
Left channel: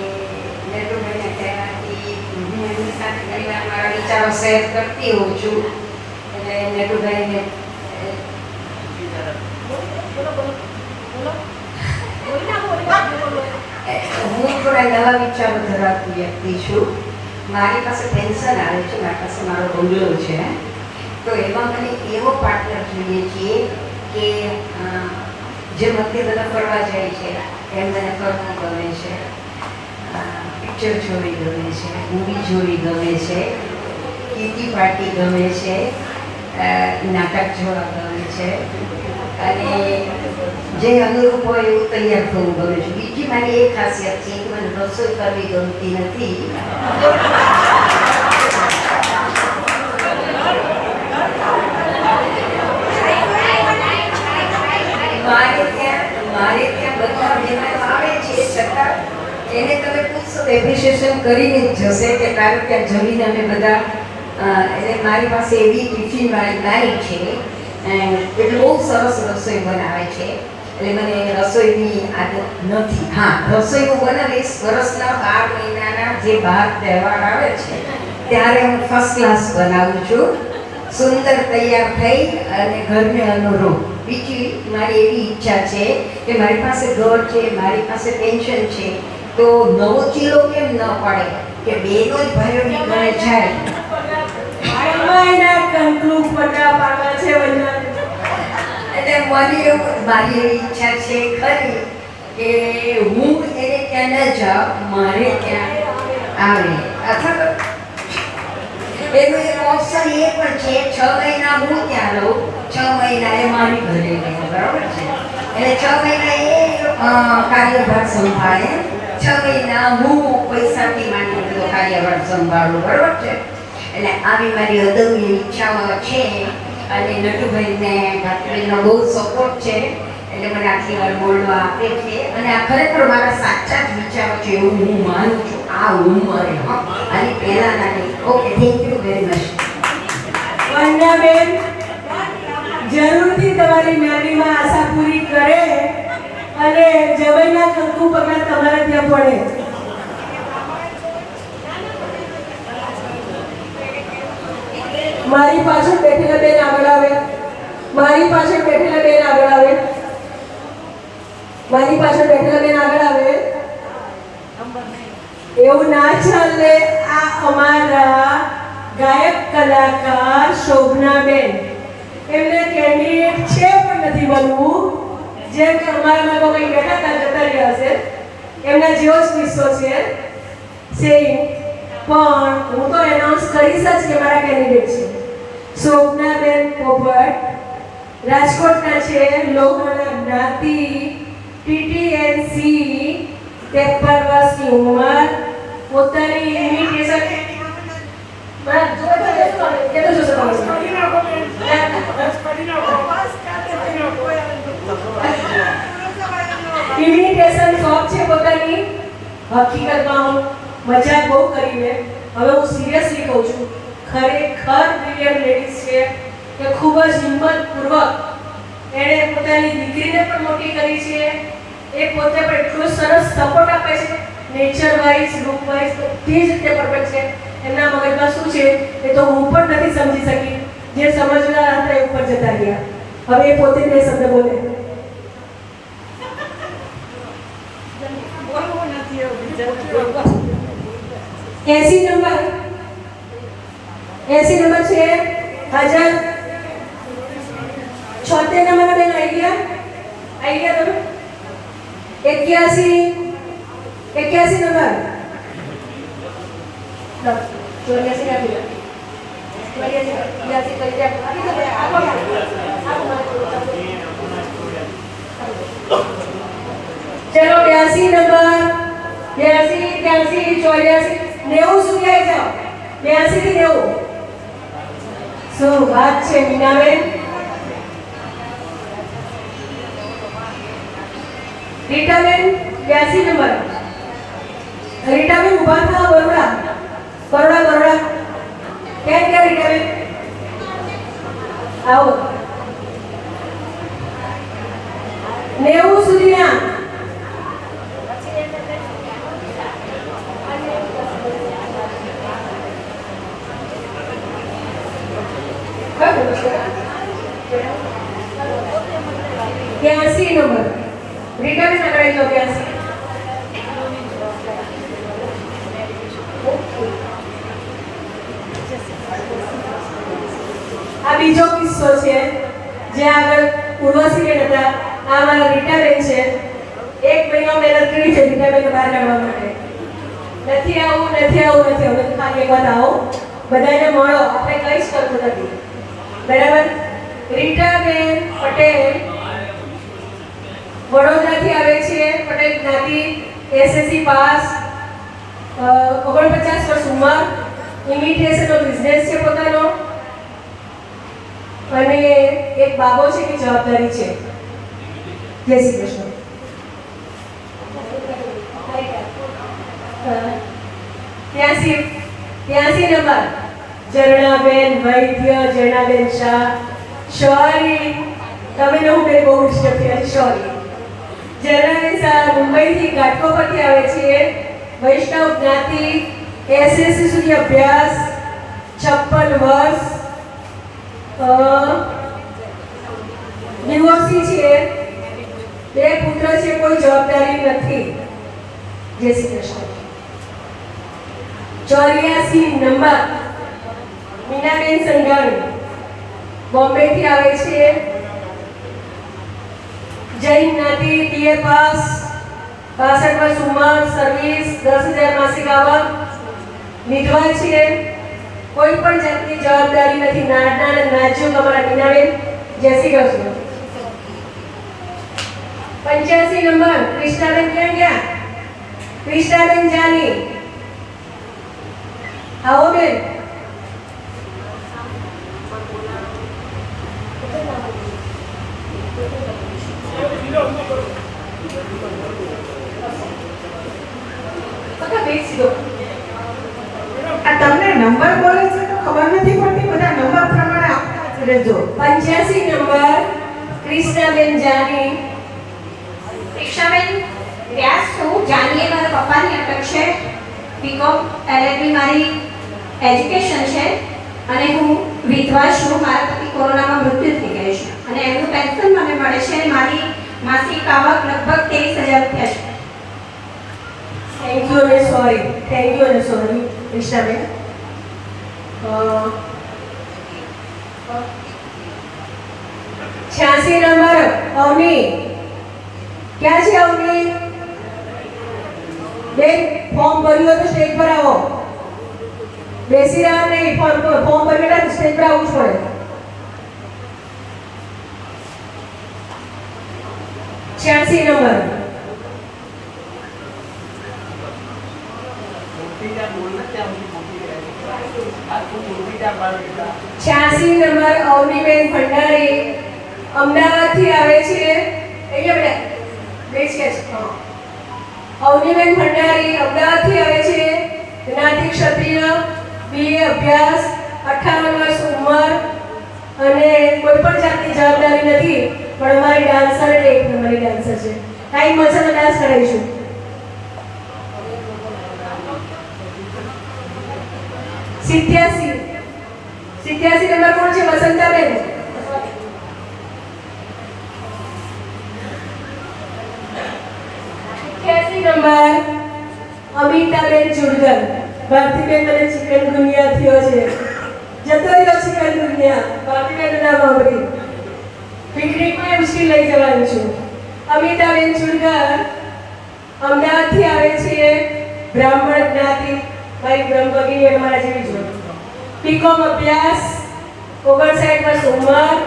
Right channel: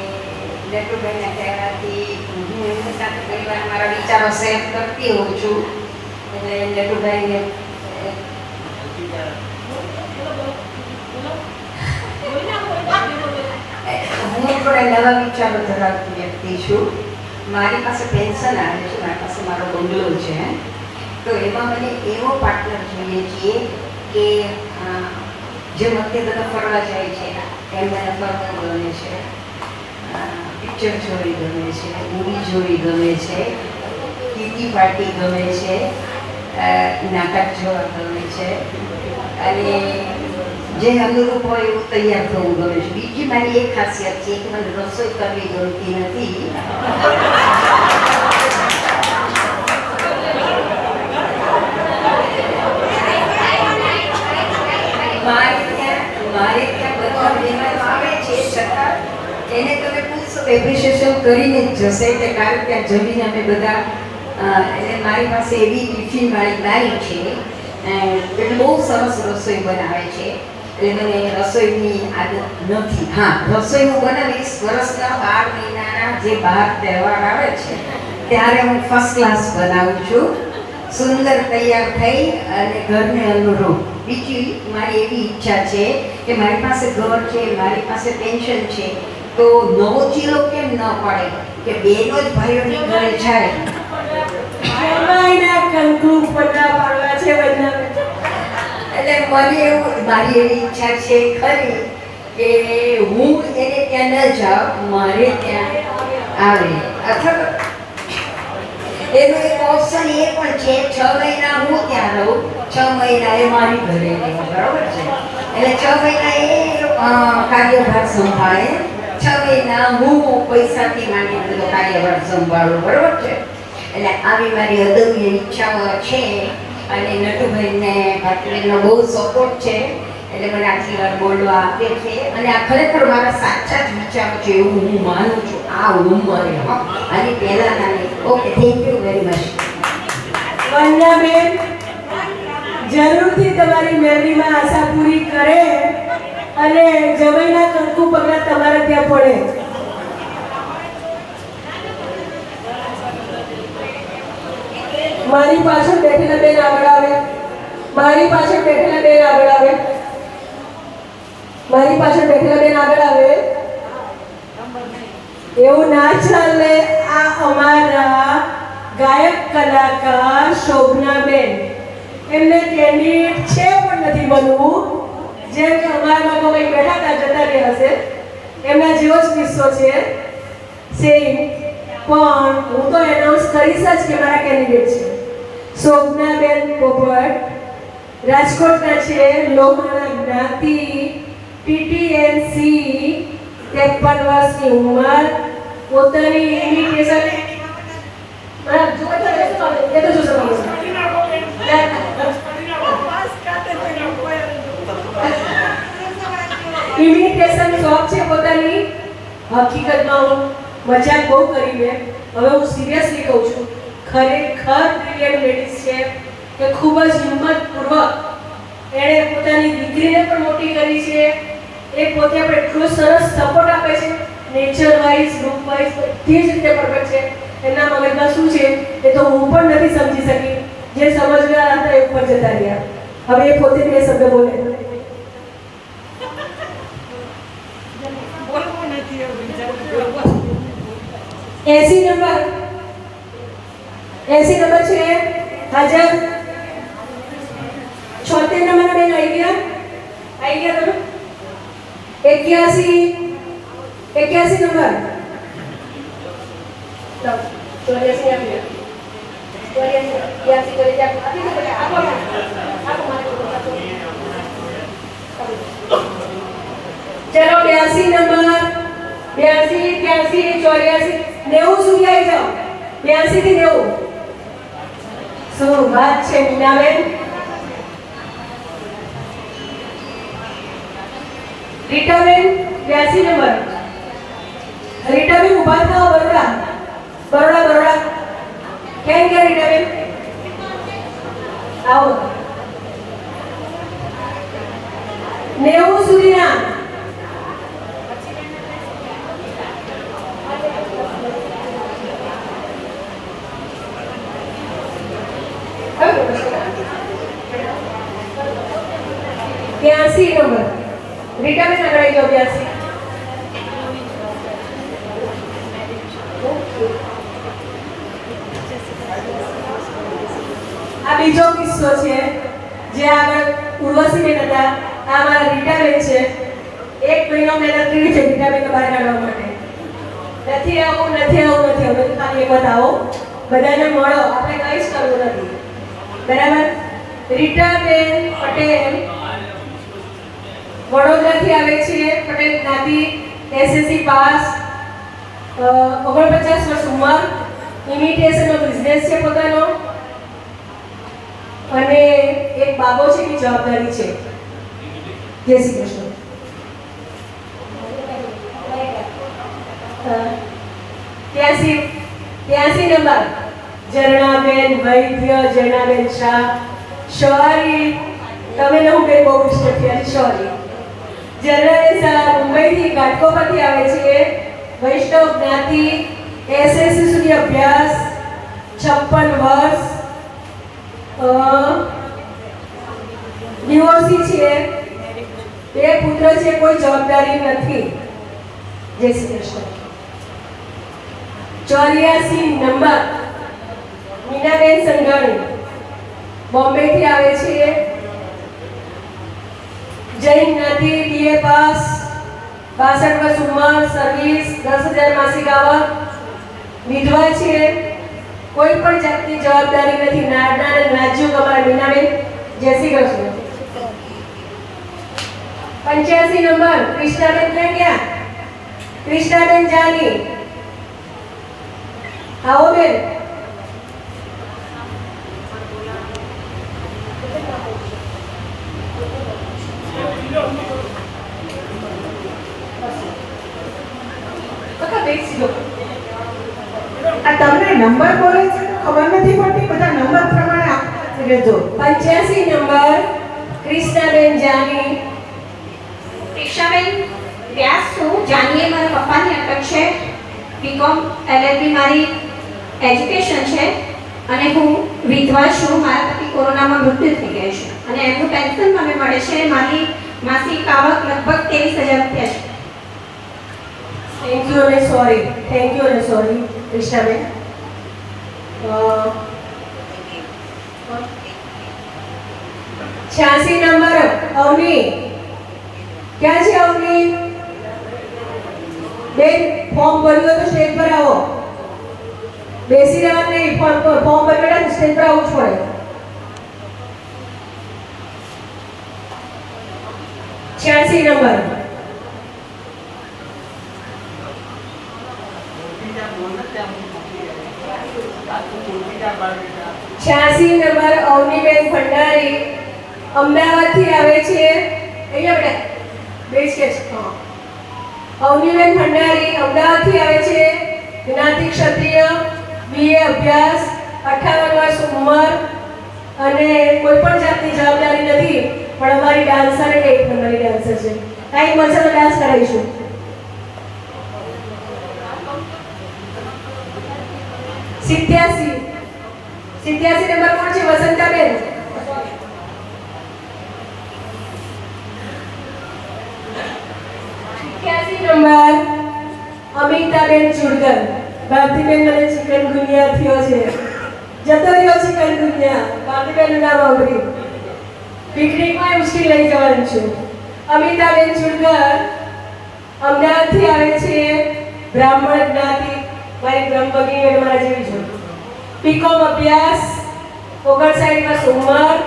નટુભાઈના કહેવાથી હું એમની સાથે ઘણી વાર મારા વિચારો શેર કરતી હોઉં છું. એટલે નટુભાઈને હું થોડા નવા વિચારો ધરાવતી વ્યક્તિ છું. મારી પાસે પેન્શન આવે છે, મારી પાસે મારો બંગલો છે તો એમાં મને એવો પાર્ટનર જોઈએ છીએ કે જે મધ્ય તમે ફરવા જાય છે એમ મને ફરવું ગમે છે, પિક્ચર જોવી ગમે છે, મૂવી જોવી ગમે છે, કીટી પાર્ટી ગમે છે, નાટક જોવા ગમે છે અને જે અનુરૂપ હોય એવું તૈયાર થવું ગમે છે. બીજી મારી એક ખાસિયત છે કે મને રસોઈ કરવી ગમતી નથી. મારે ત્યાં બધા મહેમાનો આવે છે છતાં એને તમે પૂછશો તો એપ્રિશિએશન કરીને જ જશે કે કારણ કે આ જમીને અમે બધા એટલે મારી પાસે એવી ટિફિનવાળી ગાડી છે એટલે બહુ સરસ રસોઈ બનાવે છે. એટલે મને રસોઈની આદત નથી. હા, રસોઈ હું બનાવીશ વર્ષના 12 મહિનાના જે 12 તહેવાર આવે છે ત્યારે હું ફર્સ્ટ ક્લાસ બનાવું છું, સુંદર તૈયાર થઈ અને ઘરને અનુરૂપ. બીજી મારી એવી ઈચ્છા છે કે મારી પાસે ઘર છે, મારી પાસે પેન્શન છે, તો નવો ચીલો કેમ ન પડે કે બેનો જ ભાઈઓની ઘરે જાય. એટલે મને એવું મારી એવી ઈચ્છા છે ખરી કે હું એને ત્યાં ન જાઉં, મારે ત્યાં આવે. અથવા એનો એક ઓપ્શન એ પણ છે 6 મહિના હું ત્યાં રહું, 6 મહિના એ મારી ઘરે રહે. બરાબર છે? એટલે 6 મહિના એ કાર્યભાર સંભાળે, 6 મહિના હું પૈસાથી માંડી બધો કાર્યભાર સંભાળું. બરાબર છે? એટલે આવી મારી અદમ્ય ઈચ્છાઓ છે અને નટુભાઈને ભાટલીનો બહુ સપોર્ટ છે એટલે મને આટલી વાર બોલવા આપે છે અને આ ખરેખર મારા સાચા જ વિચારો છે એવું હું માનું છું આ ઉંમરે. આની પહેલાના નહીં. Okay, thank you very much. Vandanaben જરૂરથી તમારી મહેંદીમાં આશા પૂરી કરે અને જબઈના કંકુ પગલા તમારે ત્યાં પડે. મારી પાછળ બેઠેલા બેન આગળ આવે, મારી પાછળ બેઠેલા બેન આગળ આવે, મારી પાછળ બેઠેલા બેન આગળ આવે. એવું ના ચાલે. આ અમારા ગાયક કલાકાર શોભનાબેન, એમને કેન્ડિડેટ છે પણ નથી બનવું. જેમ કે અમારામાં તો કંઈ બેઠા હતા જતા રહ્યા હશે, એમના જેવો જ કિસ્સો છે સેમ. પણ હું તો એનાઉન્સ કરીશ જ કે મારા કેન્ડિડેટ છે શોભનાબેન પોપટ, રાજકોટના છે, લોહાણા જ્ઞાતિ, PTNC, 53 વર્ષની ઉંમર, પોતાની ઇમિટેશન ઇમિટેશન શોપ છે પોતાની. હકીકતમાં હું મજાક બહુ કરીને હવે હું સિરિયસલી કહું છું, ખરેખર બ્રિલિયન્ટ લેડીઝ છે કે ખૂબ જ હિંમતપૂર્વક એણે પોતાની દીકરીને પણ મોટી કરી છે. એ પોતે પણ એટલો સરસ સપોર્ટ આપે છે, નેચર વાઇઝ, લુક વાઇઝ બધી જ રીતે પરફેક્ટ છે. એમના મગજમાં શું છે એ તો હું પણ નથી સમજી શકી. જે સમજનાર હતા એ ઉપર જતા ગયા. હવે એ પોતે બે શબ્દ બોલે. બોલવું નથી એવું. 80 નંબર છે હાજર. 76 નંબર બેન આવી ગયા તમે. 81 નંબર 84 આપી દો. 84 ચલો 82 નંબર 82 83 84 90 સુધી આવી જાઓ. 82 થી 90. શું વાત છે મીનાબેન. રીટાબેન 82 નંબર. રીટાબેન ઉભા થાઓ. બરોડા કેમ કે રીટાબેન આવો. 90 સુધીના. ત્યાંસી નંબર રીટાબેન આગળ જાઓ. 82 આ બે કિસ્સો છે. જે આગળ ઉર્વશીબેન હતા, આ મારા રીટાબેન છે. 1 મહિનો મહેનત કરી છે રીટાબેન બહાર કાઢવા માટે. નથી આવું ખાલી એક વાત આવો, બધાને મળો, આપણે કંઈ જ કરવું નથી, બરાબર. રીટાબેન પટેલ વડોદરાથી આવે છે. પટેલ જ્ઞાતિ, એસએસસી પાસ, 49 વર્ષ ઉંમર, ઇમિટેશનનો બિઝનેસ છે પોતાનો, અને એક બાબો છે કે જવાબદારી છે. જય શ્રી કૃષ્ણ. 83 નંબર ઝરણાબેન વૈદ્ય, ઝરણાબેન શાહ. શોરી તમે ને હું બેન બહુ ડિસ્ટર્બ થયા. શોરી ઝરણાબેન શાહ મુંબઈથી ઘાટકોપરથી આવે છે. વૈષ્ણવ જ્ઞાતિ, એસએસસી સુધી અભ્યાસ, 56 વર્ષ, ડિવોર્સી છે, 2 પુત્ર છે, કોઈ જવાબદારી નથી. જય શ્રી કૃષ્ણ. 84 નંબર મીનાબેન સંઘાણી, બોમ્બેથી આવે છે. જૈન જ્ઞાતિ, BA પાસ, 62 વર્ષ ઉંમર, સર્વિસ, 10,000 માસિક આવક, વિધવા છે, કોઈ પણ જાતની જવાબદારી નથી. નાના અને નાજુક અમારા મીનાબેન. જય શ્રી કૃષ્ણ. 85 નંબર કૃષ્ણાબેન. ક્યાં ગયા? કૃષ્ણાબેન જાની, આવો બેન. આ તમને નંબર બોલે છે તો ખબર નથી પડતી, બધા નંબર પ્રમાણે આપી લેજો. 85 નંબર કૃષ્ણાબેન જાની. પ્રેક્ષાબેન વ્યાસ છું. જાનીએ મારા પપ્પાની અટક છે. બીકોમ LLB મારી એજ્યુકેશન છે અને હું વિધવા છું. મારા પતિ કોરોનામાં મૃત્યુ થઈ ગયું છે અને એમનું પેન્શન મને મળે છે. મારી માસિક આવક લગભગ 23,000 રૂપિયા છે. થેન્ક યુ અને સોરી. કૃષ્ણાબેન. 86 નંબર અવની. ક્યાં છે અવની? બેન ફોર્મ ભર્યું હોય તો સ્ટેજ પર આવો. બેસી રહ્યા નહીં, ફોર્મ ભર્યું હોય તો સ્ટેજ પર આવવું જ પડે. 86 નંબર 86 નંબર અવનીબેન ભંડારી, અમદાવાદથી આવે છે. અહીંયા બેટા બેસ કે છે. અવનીબેન ભંડારી અમદાવાદથી આવે છે. જ્ઞાતિ ક્ષત્રિય, BA અભ્યાસ, 58 વર્ષ ઉંમર, અને કોઈ પણ જાતની જવાબદારી નથી, પણ અમારી ડાન્સર એટલે 1 નંબરની ડાન્સર છે. ટાઈમ મળશે તો ડાન્સ કરાવીશું. 87 નંબર કોણ છે? વસંતાબેન. 87 નંબર અમિતાબેન ચુડકર. ભારતીબેન મને ચિકન ગુનિયા થયો છે. જતો રહ્યો ચિકન ગુનિયા. ભારતીબેનનું નામ સાંભળી પિકનિકમાં મુશ્કેલ લઈ જવાનું છું. અમિતાબેન ચુડકર અમદાવાદથી આવે છે. બ્રાહ્મણ જ્ઞાતિ, મારી બ્રહ્મભગીની અને મારા જેવી જોડે. બીકોમ અભ્યાસ, 59 વર્ષ ઉંમર.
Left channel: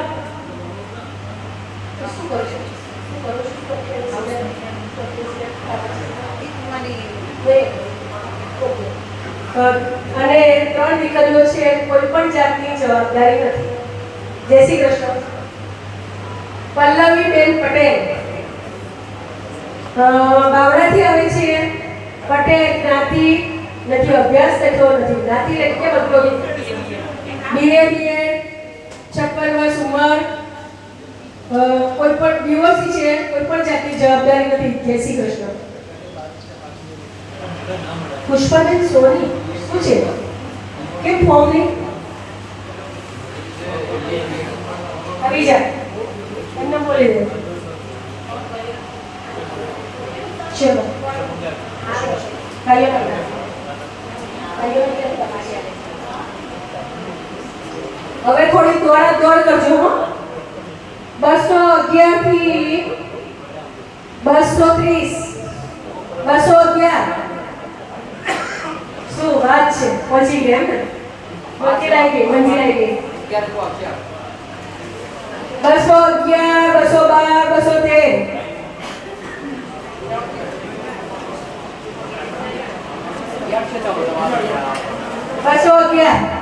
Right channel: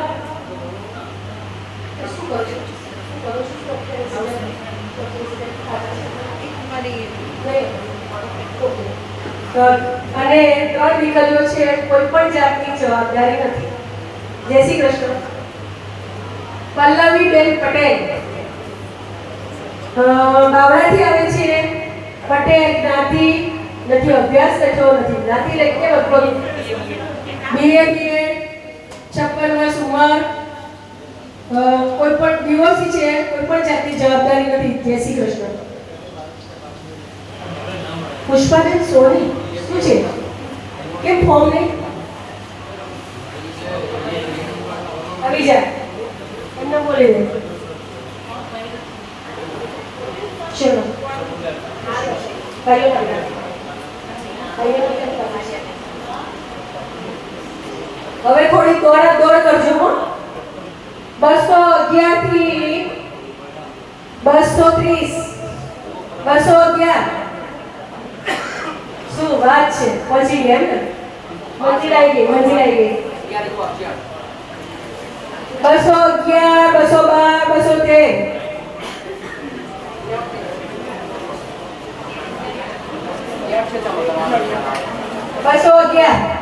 અને 3 દીકરીઓ છે, કોઈ પણ જાતની જવાબદારી નથી. જય શ્રી કૃષ્ણ. પલ્લવીબેન પટેલ બાવળાથી આવે છે. પટેલ જ્ઞાતિ, નથી અભ્યાસ થતો, નથી જ્ઞાતિ એટલે કેમ અપલોડ. BA 56 વર્ષ ઉંમર, કોઈ પણ ડિવોર્સી છે, કોઈ પણ જાતની જવાબદારી નથી. જય શ્રી કૃષ્ણ. પુષ્પાબેન સોની શું છે? કેમ ફોર્મ નહીં? આવી જા, એમને બોલી દે. ચલો હવે થોડી થોડી દોડ કરજો હો. 211 થી 230 211 શું વાત છે પછી કેમ ને મંજિલ આવી ગઈ 211 212 213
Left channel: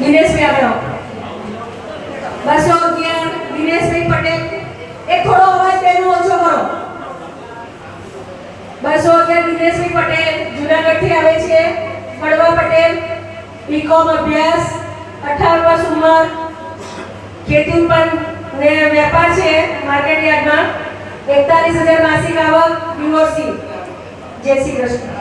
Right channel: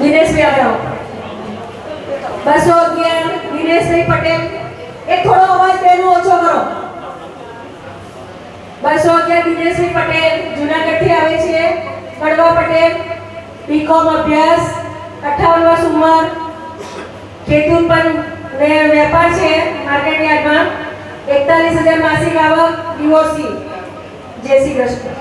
દિનેશભાઈ આગળ 211 દિનેશભાઈ પટેલ એક થોડો અવાજ તેનો ઓછો કરો. 211 દિનેશભાઈ પટેલ જુનાગઢથી આવે છે. પડવા પટેલ બીકોમ અભ્યાસ 58 વર્ષ ઉંમર ખેતી ઉત્પન્ન ને વેપાર છે માર્કેટ યાર્ડમાં 41,000 માસિક આવક ડિવોર્સી. જય શ્રી કૃષ્ણ.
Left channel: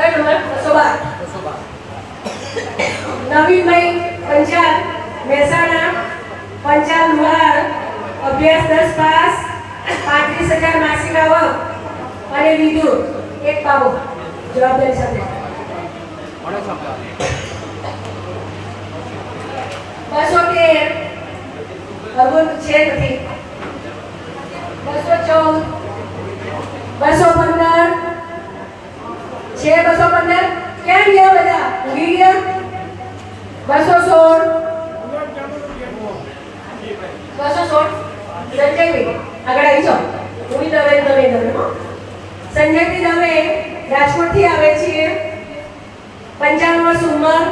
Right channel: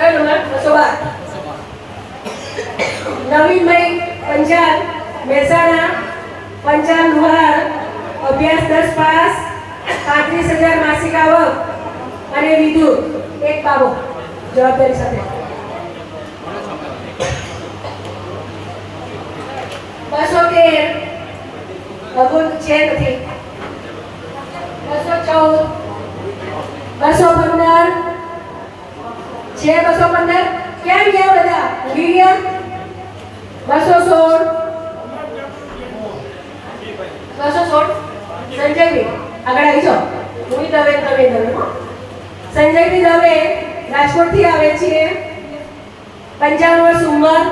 કયો નંબર 212 નવીનભાઈ પંચાલ મહેસાણા 55 લુહાર અભ્યાસ 10 પાસ 35,000 માસિક આવક અને વિદ્યુત એક બાબો જવાબદારી સાથે 213 અગર છે નથી 214 215 છે 215 ક્યાં ગયા બધા ઊભી ગયા 216 સંજયભાઈ આગળ આવી જાઓ. હું તમે સંજયભાઈ દવે રાજકોટથી આવે છે. 55 વર્ષ ઉંમર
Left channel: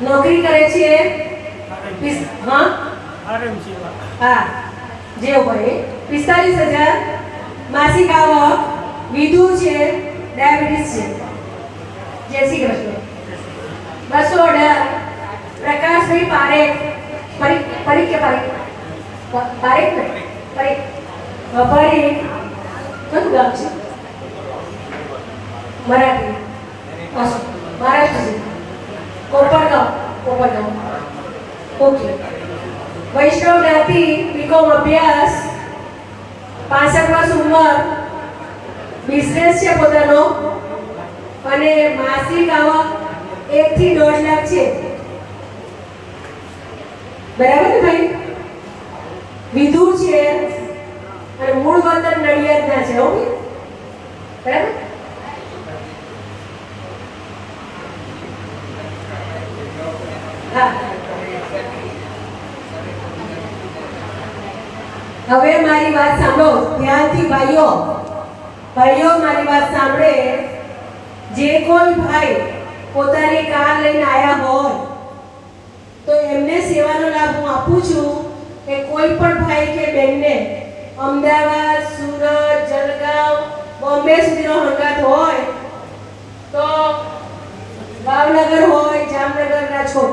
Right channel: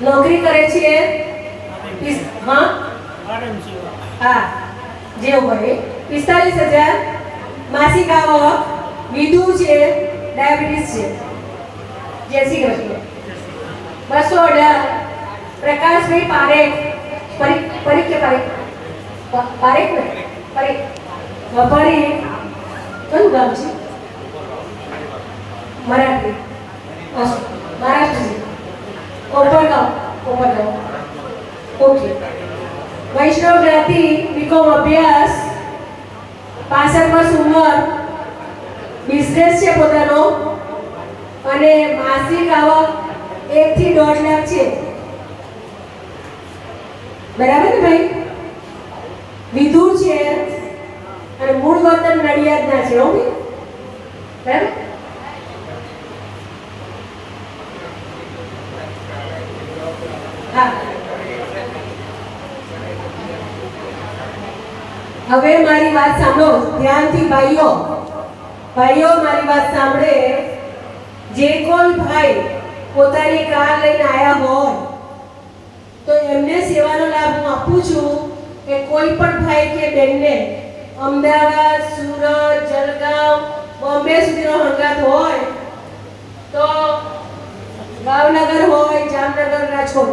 નોકરી કરે છે. હા જે હોય 45,000 માસિક આવક વિધુ છે ડાયાબિટીસ છે. જય શ્રી કૃષ્ણ. 218 પ્રકાશભાઈ પારેખ પરીખ કે પારેખ ને પરીખ કયું ગામ છે મરાઠી મહારાષ્ટ્ર કોપરગાંવ ઓકે. વૈષ્ણવ જ્ઞાતિ બીકોમ અભ્યાસ 65 વર્ષ ઉંમર બિઝનેસ છે પોતાનો અને માસિક આવક 1 થી 1.5 લાખ છે. બરાબર ને ભાઈ? વિધુ છે અને મૂળ વતન નડિયાદના છે. ઓકે બરાબર. હા હવે મારી વાત સાંભળો ધ્યાનથી ભાઈઓ મારી વાત સાંભળે. જે કોઈ ભાઈ પોતાની કાર લઈને આવ્યા હોય તો એમને સેવાનો લાભ હું આપું છું કે કોઈ પણ ભાઈ કે બહેનને અમદાવાદ સુરત જલગાંવ બોમ્બે સુધીનો હંગાત હોય તો ભાવનગર હોય જામનગર રાજકોટ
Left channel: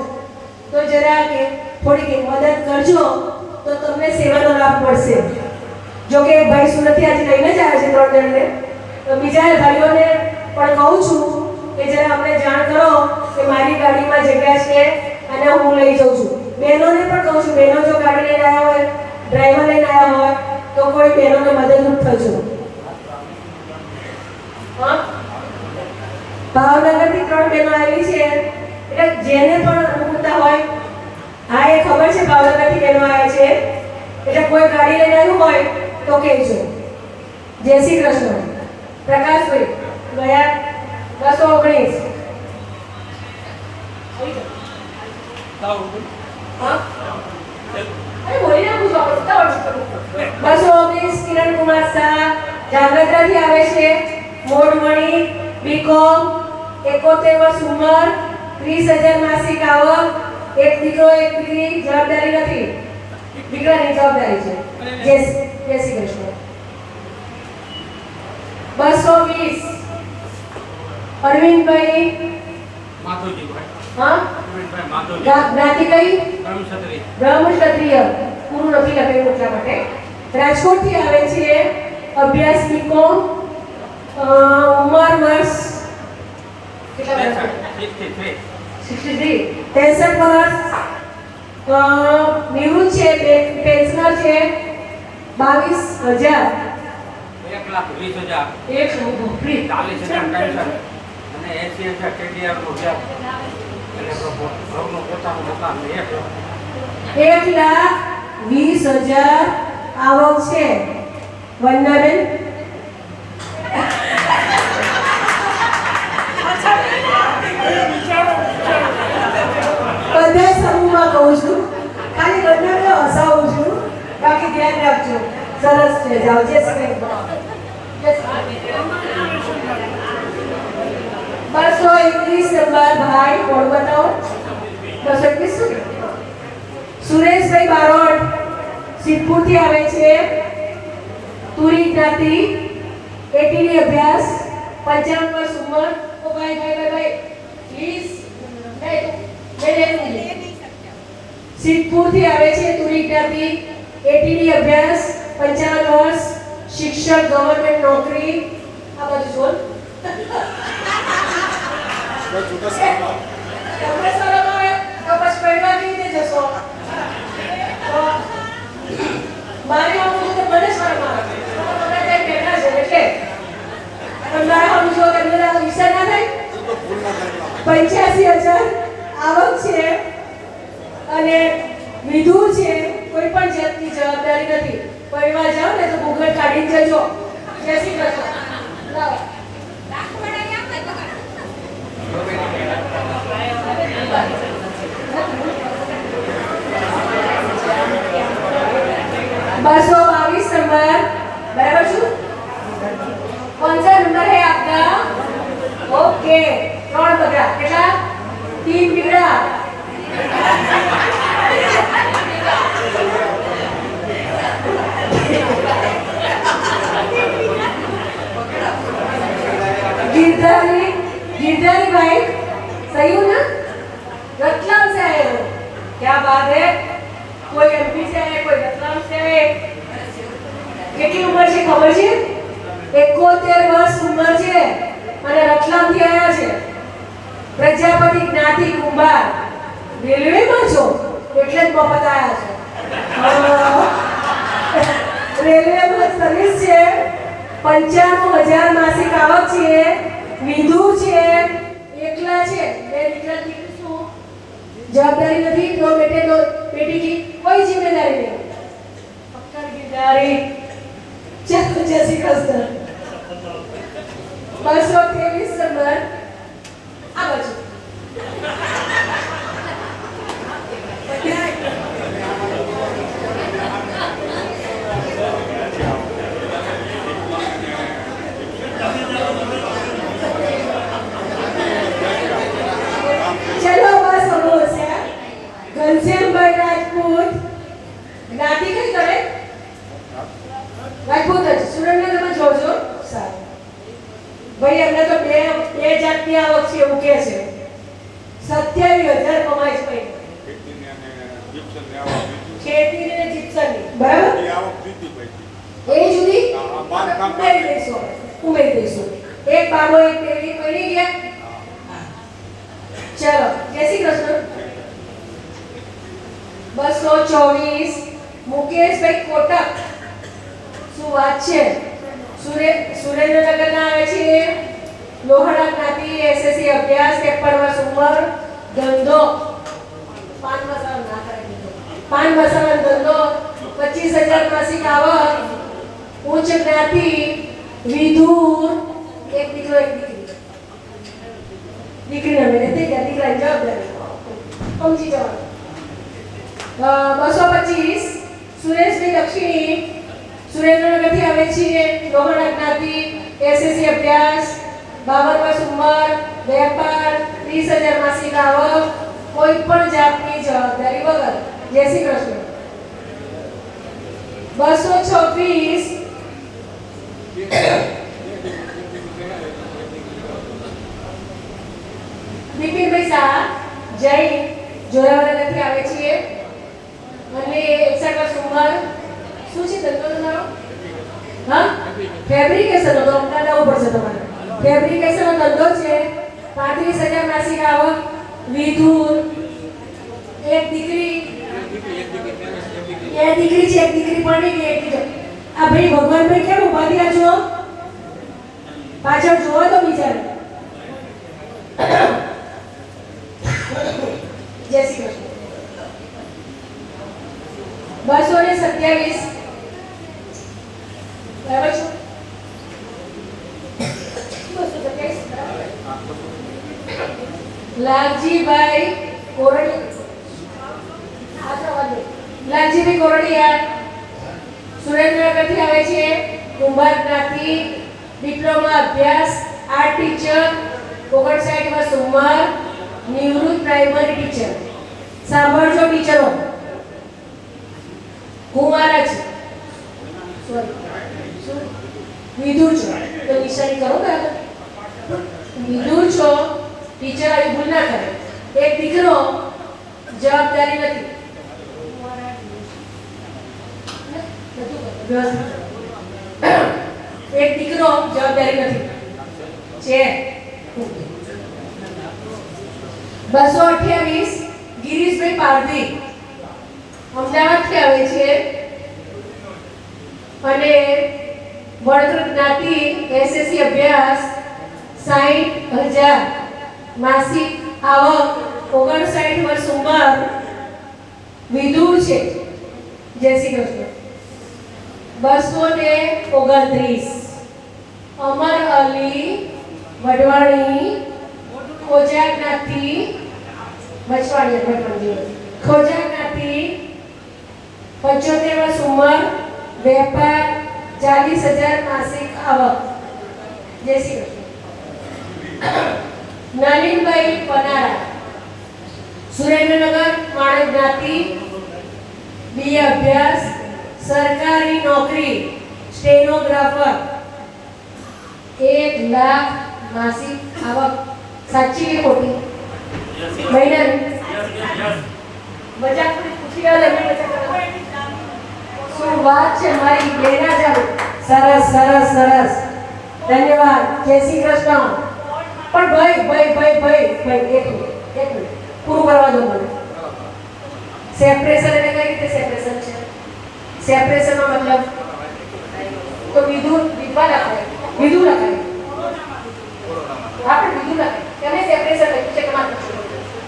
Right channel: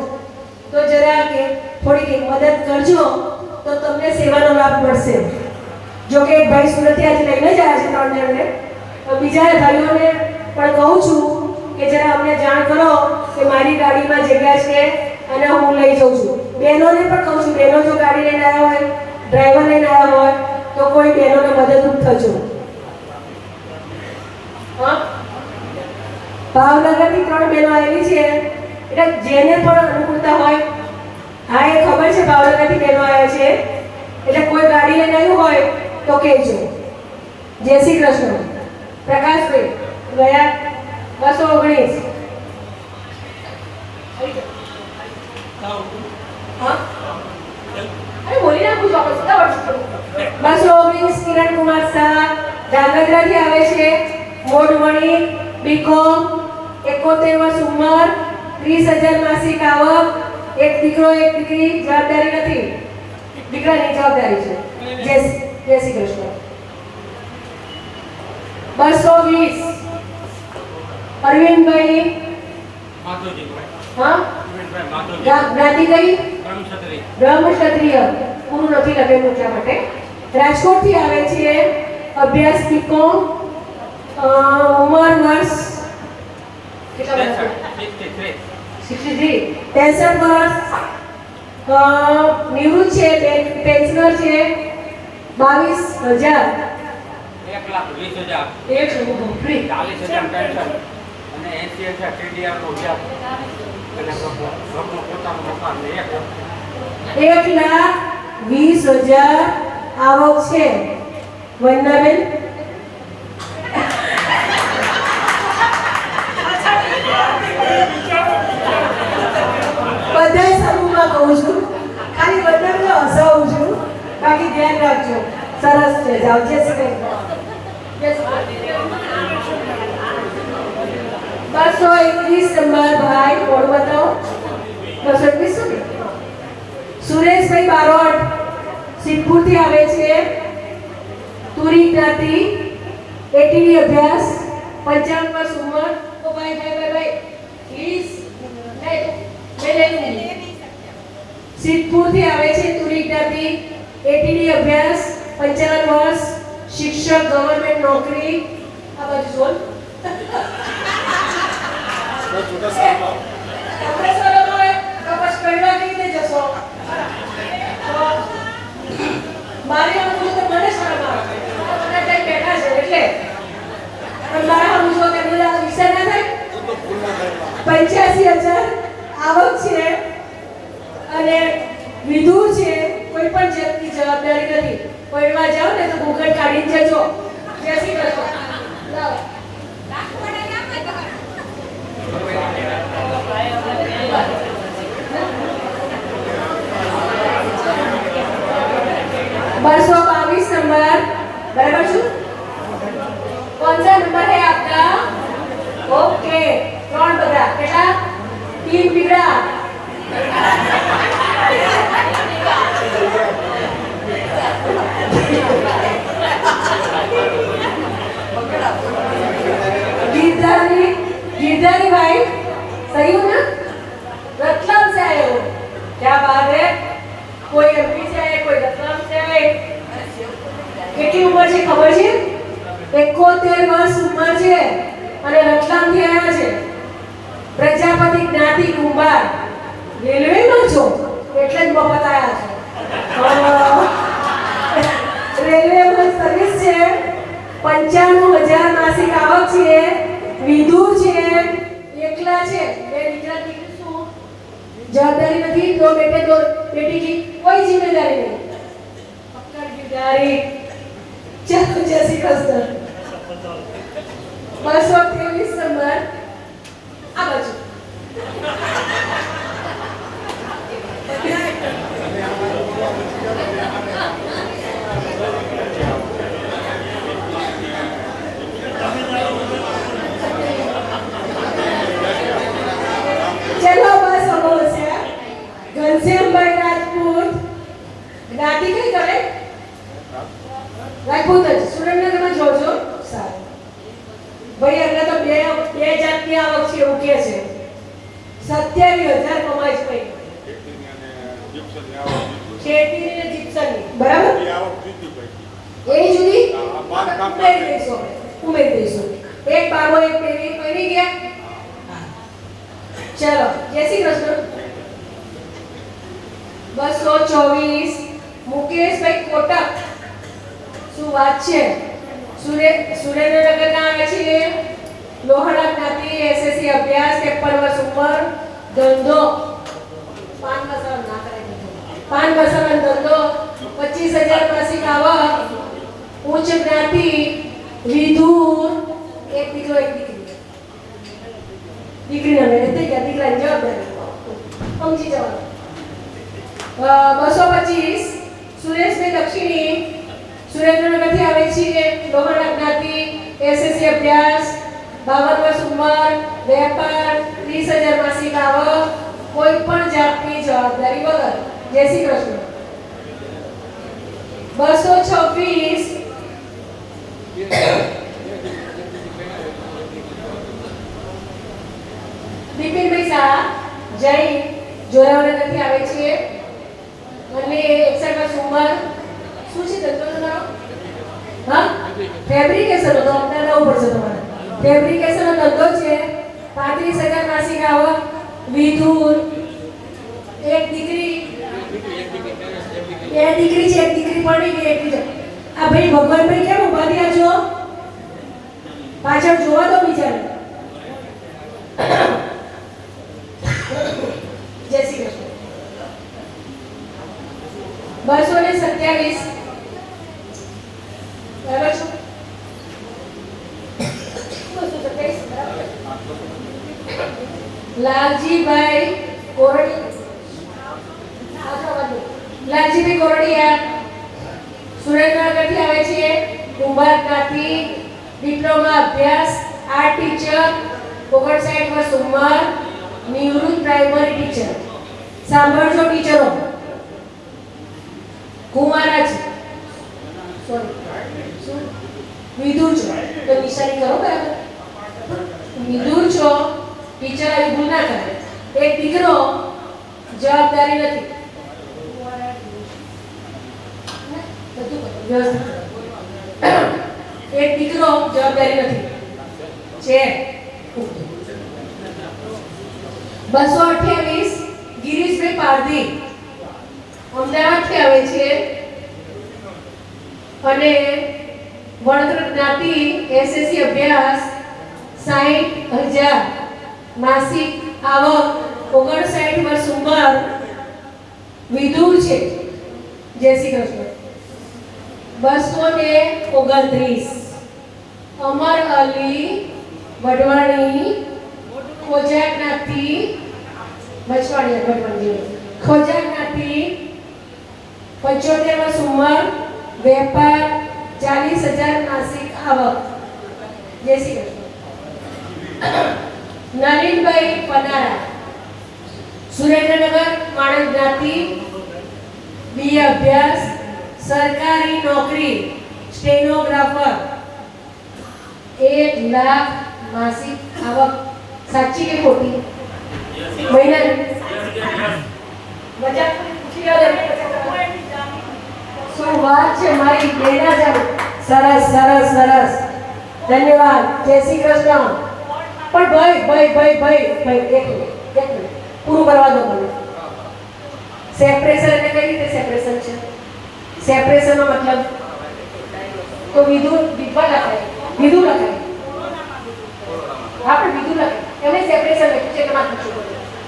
તો જરા કે થોડીક મદદ કરજો તો તમને સેવાનો લાભ મળશે. જો કે ભાઈ સુરતથી આજે લઈને જ આવ્યા છે 3 જણને તો બીજા ભાઈઓને પણ કહું છું કે જરા અમને જાણ કરો કે મારી ગાડીમાં જગ્યા છે અને હું લઈ જાઉં છું. બહેનોને પણ કહું છું બહેનો જો ગાડી લઈને આવ્યા હોય ડ્રાઈવર લઈને આવ્યા હોય તો કોઈ બહેનોને મદદરૂપ થજો. ભાવનગરથી 3 બહેનો આવેલી છે એટલે જેને પણ અનુકૂળતા હોય. હા એ ખબર છે ભાવનગરથી બહેનો આવે છે એટલે કોઈ ગાડી લઈને આવ્યું હોય તો કહેજો. જય શ્રી કૃષ્ણ. પ્રકાશભાઈ ગયા 219 બોલી નાખું ચોક્કસ 219 કિરણ કુમાર શાહ જાંગધ્રાથી આવે છે. મોડવણી બીકોમ 71 વર્ષ ઉંમર 30,000 માસિક આવક. એક દીકરો એક દીકરી. જવાબદારી નથી દીકરાની જવાબદારી છે. જય શ્રી કૃષ્ણ. 220 અરવિંદભાઈ હા જ્ઞાતિ કઈ બ્રહ્મક્ષત્રિય પૂરું નથી લખેલું એટલા માટે. રાજકોટથી આવે છે. અભ્યાસ બીકોમ ઉંમર વર્ષ 63 63 63 વર્ષ નિવૃત્ત છે પેન્શનર છે 22,000 1,20,000 એક ભૂખરી 40,000 પેન્શન અને 80,000 KDR નો વ્યાજ અને ઘરનું પોતાનું મકાન ને 1,20,000 આવક છે વંદનાબેન બધા સમૂહમાં કહું છું ખાલી વંદનાબેન હસાવું છું બાકી ધ્યાન રાખજો સરસ છે જાઓ જય શ્રી કૃષ્ણ 221 નંબર ભાઈ કોણ બતાવો 221 સુરેશભાઈ બારોટ સિદ્ધપુરથી આવે છે તુરી જ્ઞાતિ 80 ની અભ્યાસ 55 વર્ષ ઉંમર ઓ ભાઈ પ્લીઝ સિદ્ધપુરથી આવે છે તુરી જ્ઞાતિ 80 ની અભ્યાસ 55 વર્ષ શિક્ષક ગવર્નમેન્ટ નોકરી આ બાજુ બોલ આપણે શરમ આવે તો પછી કઈડા કેવી રીતે જશો મારે આવું તો મને શરમ આવે મને કઈ બેઠા છે એટલે અને મારે આવું જો કે મને આ વિષય ના થાય 85,000 આવક છે અને વિધુર છે કોઈ પણ જાતની જવાબદારી નથી પરિવાર જાઓ ને તો ઘૂંઘટ કાઢીને જજો જય શ્રી કૃષ્ણ જાઓ बसो 22 नंबर बराबर छू कौन सा नंबर है आपका ओके कौन बता केला 3 पीड़ा गिरधारी भाई सही हूँ ना रतलाम से आए हो क्या बात है कोई एमपी से है कोई रतलाम से है કેટલી ઉંમર છે ખબર છે 71 વર્ષ ઉંમર છે અને રતલામ થી આવ્યા છે પ્રજાપતિ જ્ઞાતિ કુંભાર રેલવે માં છો એટલે જ મફત આવ્યા છો રેલવે માં સર્વિસ છે 95,000 માસિક આવક છે વિધુર છે એકલા છે બે દીકરા દીકરી શું जवाबदारी नहीं दो बेटे दो बेटी की कोई जिम्मेदारी नहीं अपना जिम्मेदारी चलो जैसी कस्तर 223 नंबर आ बाजू चलो बस हो से घनश्यामભાઈ રાજપૂત જ્ઞાતિ કઈ કરે રાજપૂત જ સુરેન્દ્રનગરમાં જોજો સારું ભાઈ એમને તો બે જાતની આવક છે એવું કહે છે 27,000 કમાય છે ભાઈ ખેતીની અને જીપ્સમની બરાબર એ જુદી ઉમેરી દઈશું એક બાબો એક પેરી ગયા चलो जय श्री कृष्ण 224 मुकेश भाई कोटक શું વાત છે સુરેન્દ્રનગર ના આવે છે લોહાણા જ્ઞાતિ એસએસસી અભ્યાસ 53 વર્ષ ઉંમર ધંધો પાન મસાલા ના કરાવી પાન મસાલા ધંધો 25,000 માસિક આવક ઉચ્ચ જ્ઞાતિ વિધુર એક દીકરો એક દીકરી દીકરીને મેરે તે દીકરા જવાબદારી સમજી જવાનું 225 સુરેશભાઈ લક્ષ્મી સુરેન્દ્રનગરથી આવે છે લોહાણા જ્ઞાતિ એસએસસી અભ્યાસ 52 વર્ષ ઉંમર વેપાર 30,000 માસિક આવક કોઈ પણ જાતની જવાબદારી વગર જય શ્રી કૃષ્ણ 226 બિપિનભાઈ શાહ જૈન જોરાવનગરથી આવે છે અને 61 વર્ષ ઉંમર શું છે ધંધો તમારો હા ફેબ્રિકેશન નો તો અમને લાવવું પડશે તમારે ફેબ્રિકેશન નો ધંધો છે 35,000 માસિક આવક વિધુર, એક દીકરી, બે દીકરી છે, એક દીકરી પરણી ગઈ, એક બીજા. આ ભાઈ ભગવાનભાઈ કેમ ઉભા થયા છો? પાછળ જોવા દો બિચારા. જય શ્રી કૃષ્ણ. 227 બરાબર છો? 227 લાલજીભાઈ કોરડી, લાલજીભાઈ કોરડિયા સુરેન્દ્રનગરથી આવે છે. કુંભાર જ્ઞાતિ, ડિપ્લોમા અભ્યાસ, આર્ટ ટીચર, 59 વર્ષ ઉંમર, નિવૃત્ત પ્રાઇમરી ટીચર. સાંભળજો ટીચરો, કુમારા છે, સોરી વિધુર છો તો નિશાની કરો બરાબર. વિધુર છો, ટીચર આવી ભૂલ ના કરે. એક દીકરો, જવાબદારી નથી. એક દીકરો, જવાબદારી નથી છે. 228 ગિરીશભાઈ પારધી, અમદાવાદથી આવે છે અને વડોદરા જ્ઞાતિ, એસએસસી અભ્યાસ, 60,000 માસિક આવક, 59 વર્ષ ઉંમર, વિધુર છે. જય શ્રી કૃષ્ણ. 229 અમર અલી વઢવાણી, ખોજા જ્ઞાતિ, ખોજા જ્ઞાતિ, 75 વર્ષ ઉંમર, વેપાર, 40,000 માસિક આવક. જય શ્રી કૃષ્ણ. નલિનભાઈ પનારા, સુરેન્દ્રનગર, માણેક જ્ઞાતિ, બીએ અભ્યાસ, સરકારી નોકરી, સ્ટેનોગ્રાફર, 1 લાખ માસિક આવક. સાચી કે ખોટી? મહિનાની બજાર પૂછી રહ્યો એમને બજાર શું વાત છે મારી લેના ચાલુ. સરસ સરસ સરસ, ધન્યવાદ. જય શ્રી કૃષ્ણ. પણ ભાઈ ભાઈ ભાઈ ભાઈ ભાઈ એક મિનિટ પૂરું કરવા દો મને. સેપરેશન એટલે કઈ રીતે સેપરેશન છે? સેપરેશન નો મતલબ તો વિધુર, વિધવા લખાય, વિધુર લખાય. આપણે વિધુર લખાય, એમને સેપરેશન લખ્યું છે. તમારે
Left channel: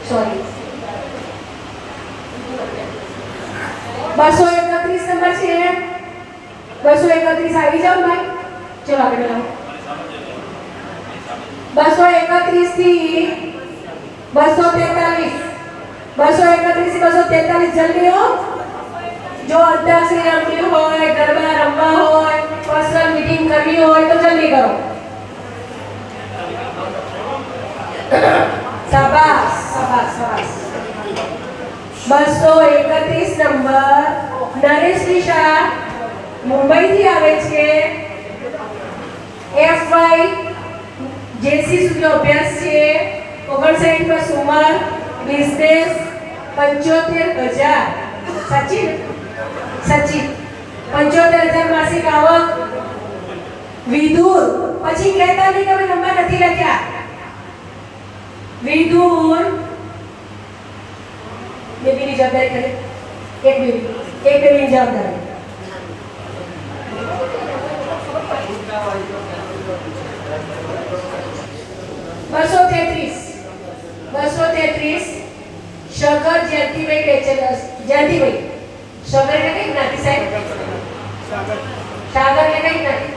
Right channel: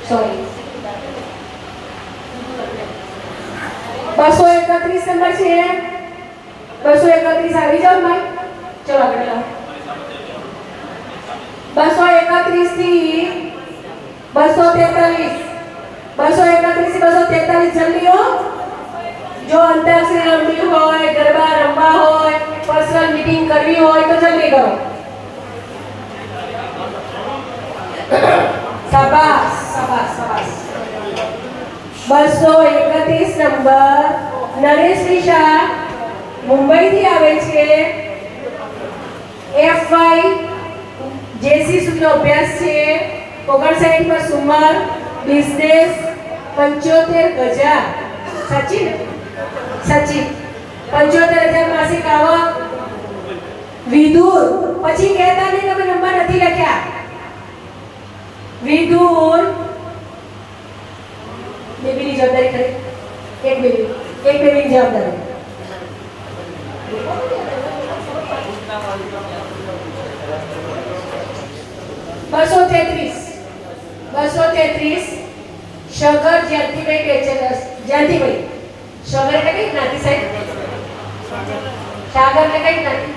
સોરી. 231 નંબર છે. 231 આવી જાવ ભાઈ. ચલો આગળ લો. 231 થી 243, 231 થી 243 જલ્દી હો. જો અંતાક્ષરી રમવી હોય, ગરબા રમવા હોય, પર્સનલ મીટિંગ કરવી હોય તો જલ્દી કરો. શાબાશ શાબાશ શાબાશ. 231 નંબર નરેશ નિશા, મુંબઈથી આવે છે. FY જેસી સુધી અભ્યાસ છે. 59 વર્ષ ઉંમર, બિઝનેસ, 75,000. સાચી ને? સાચી. 75,000 માસિક આવક, વિધુર. પછી કહેતા નહીં તમે નંબર નથી લખ્યા. વિધુર. બેબીની જવાબદારી કરે. એક બેબીની જવાબદારી. 233 શગર જ્યાતિભાઈ પેચરસ. જ્યાતિભાઈ શગર એટલે કઈ જ્ઞાતિ સાહેબ? સાગર એટલે કઈ જ્ઞાતિ?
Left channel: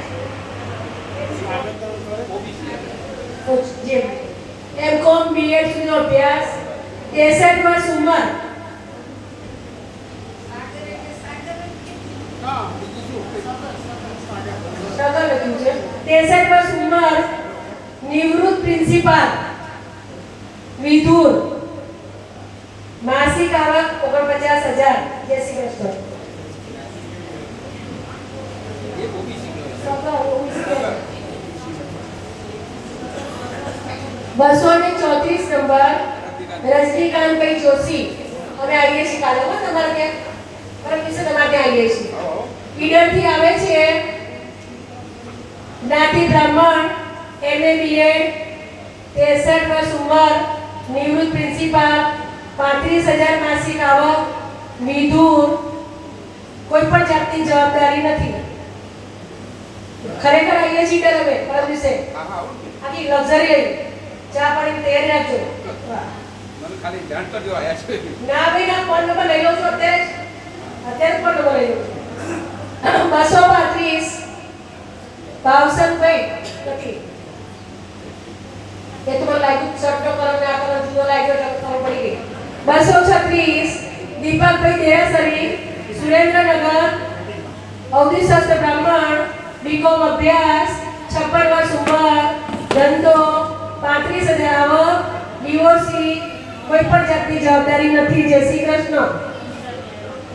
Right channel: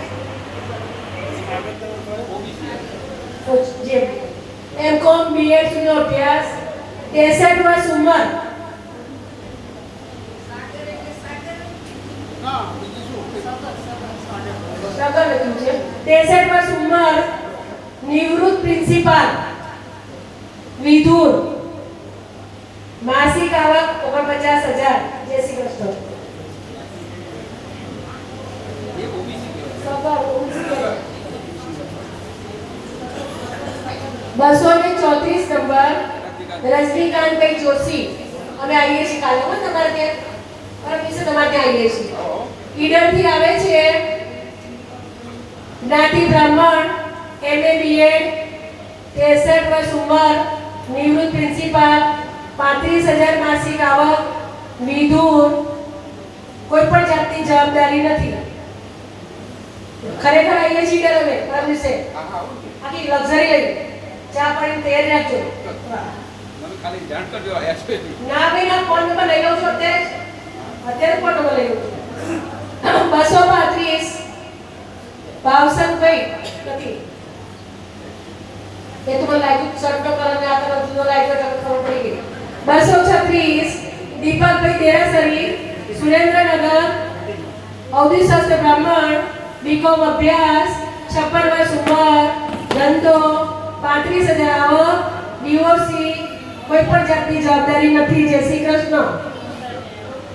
એમકોમ બીએડ સુધીનો અભ્યાસ, 63 વર્ષ ઉંમર. શગર લખ્યું છે. 63 વર્ષ ઉંમર, નિવૃત્ત પ્રિન્સિપાલ, વિધુર, માસિક આવક 49,000. જય શ્રી કૃષ્ણ. 234 નંબર રજનીકાંતભાઈ જોશી, અને આવીએ છીએ કાલે તમારે ત્યાં. પરમ દિવસે તમારે ત્યાં આવીએ છીએ. ઈડરથી આવે છે. જ્ઞાતિ બ્રાહ્મણ, MA BEd, 63 વર્ષ ઉંમર, નિવૃત્ત પ્રિન્સિપાલ, 35,000 માસિક આવક, મિધુર, કોઈ પણ જાતની જવાબદારી નથી. ખરેખર આવીએ છીએ અમે કર વિશે આખી લક્ઝરી લઈ ચા પાણી તૈયારી રાખજો. મને ખાલી જાણ કરજો આયા છે ના ભાઈ ના ફોન નંબર લઈ લઉં છું અત્યારે ફોન નંબર લઈ લઉં છું. 235 ભાવસનભાઈ નથી એ તો મને લાગ્યું શર્ટનો કલર ને આ કલર તો લાગ્યો તો ખબર પડી ગઈ. 236 દીપકભાઈ દેરાસરી, સુરેન્દ્રનગર, અવધિશાસ્ત્ર બ્રાહ્મણ, બીકોમ અભ્યાસ, 56 વર્ષ ઉંમર, ધંધો, 35,000 આવક, ડિવોર્સી, કોઈ પણ જાતની જવાબદારી નથી. જય શ્રી કૃષ્ણ.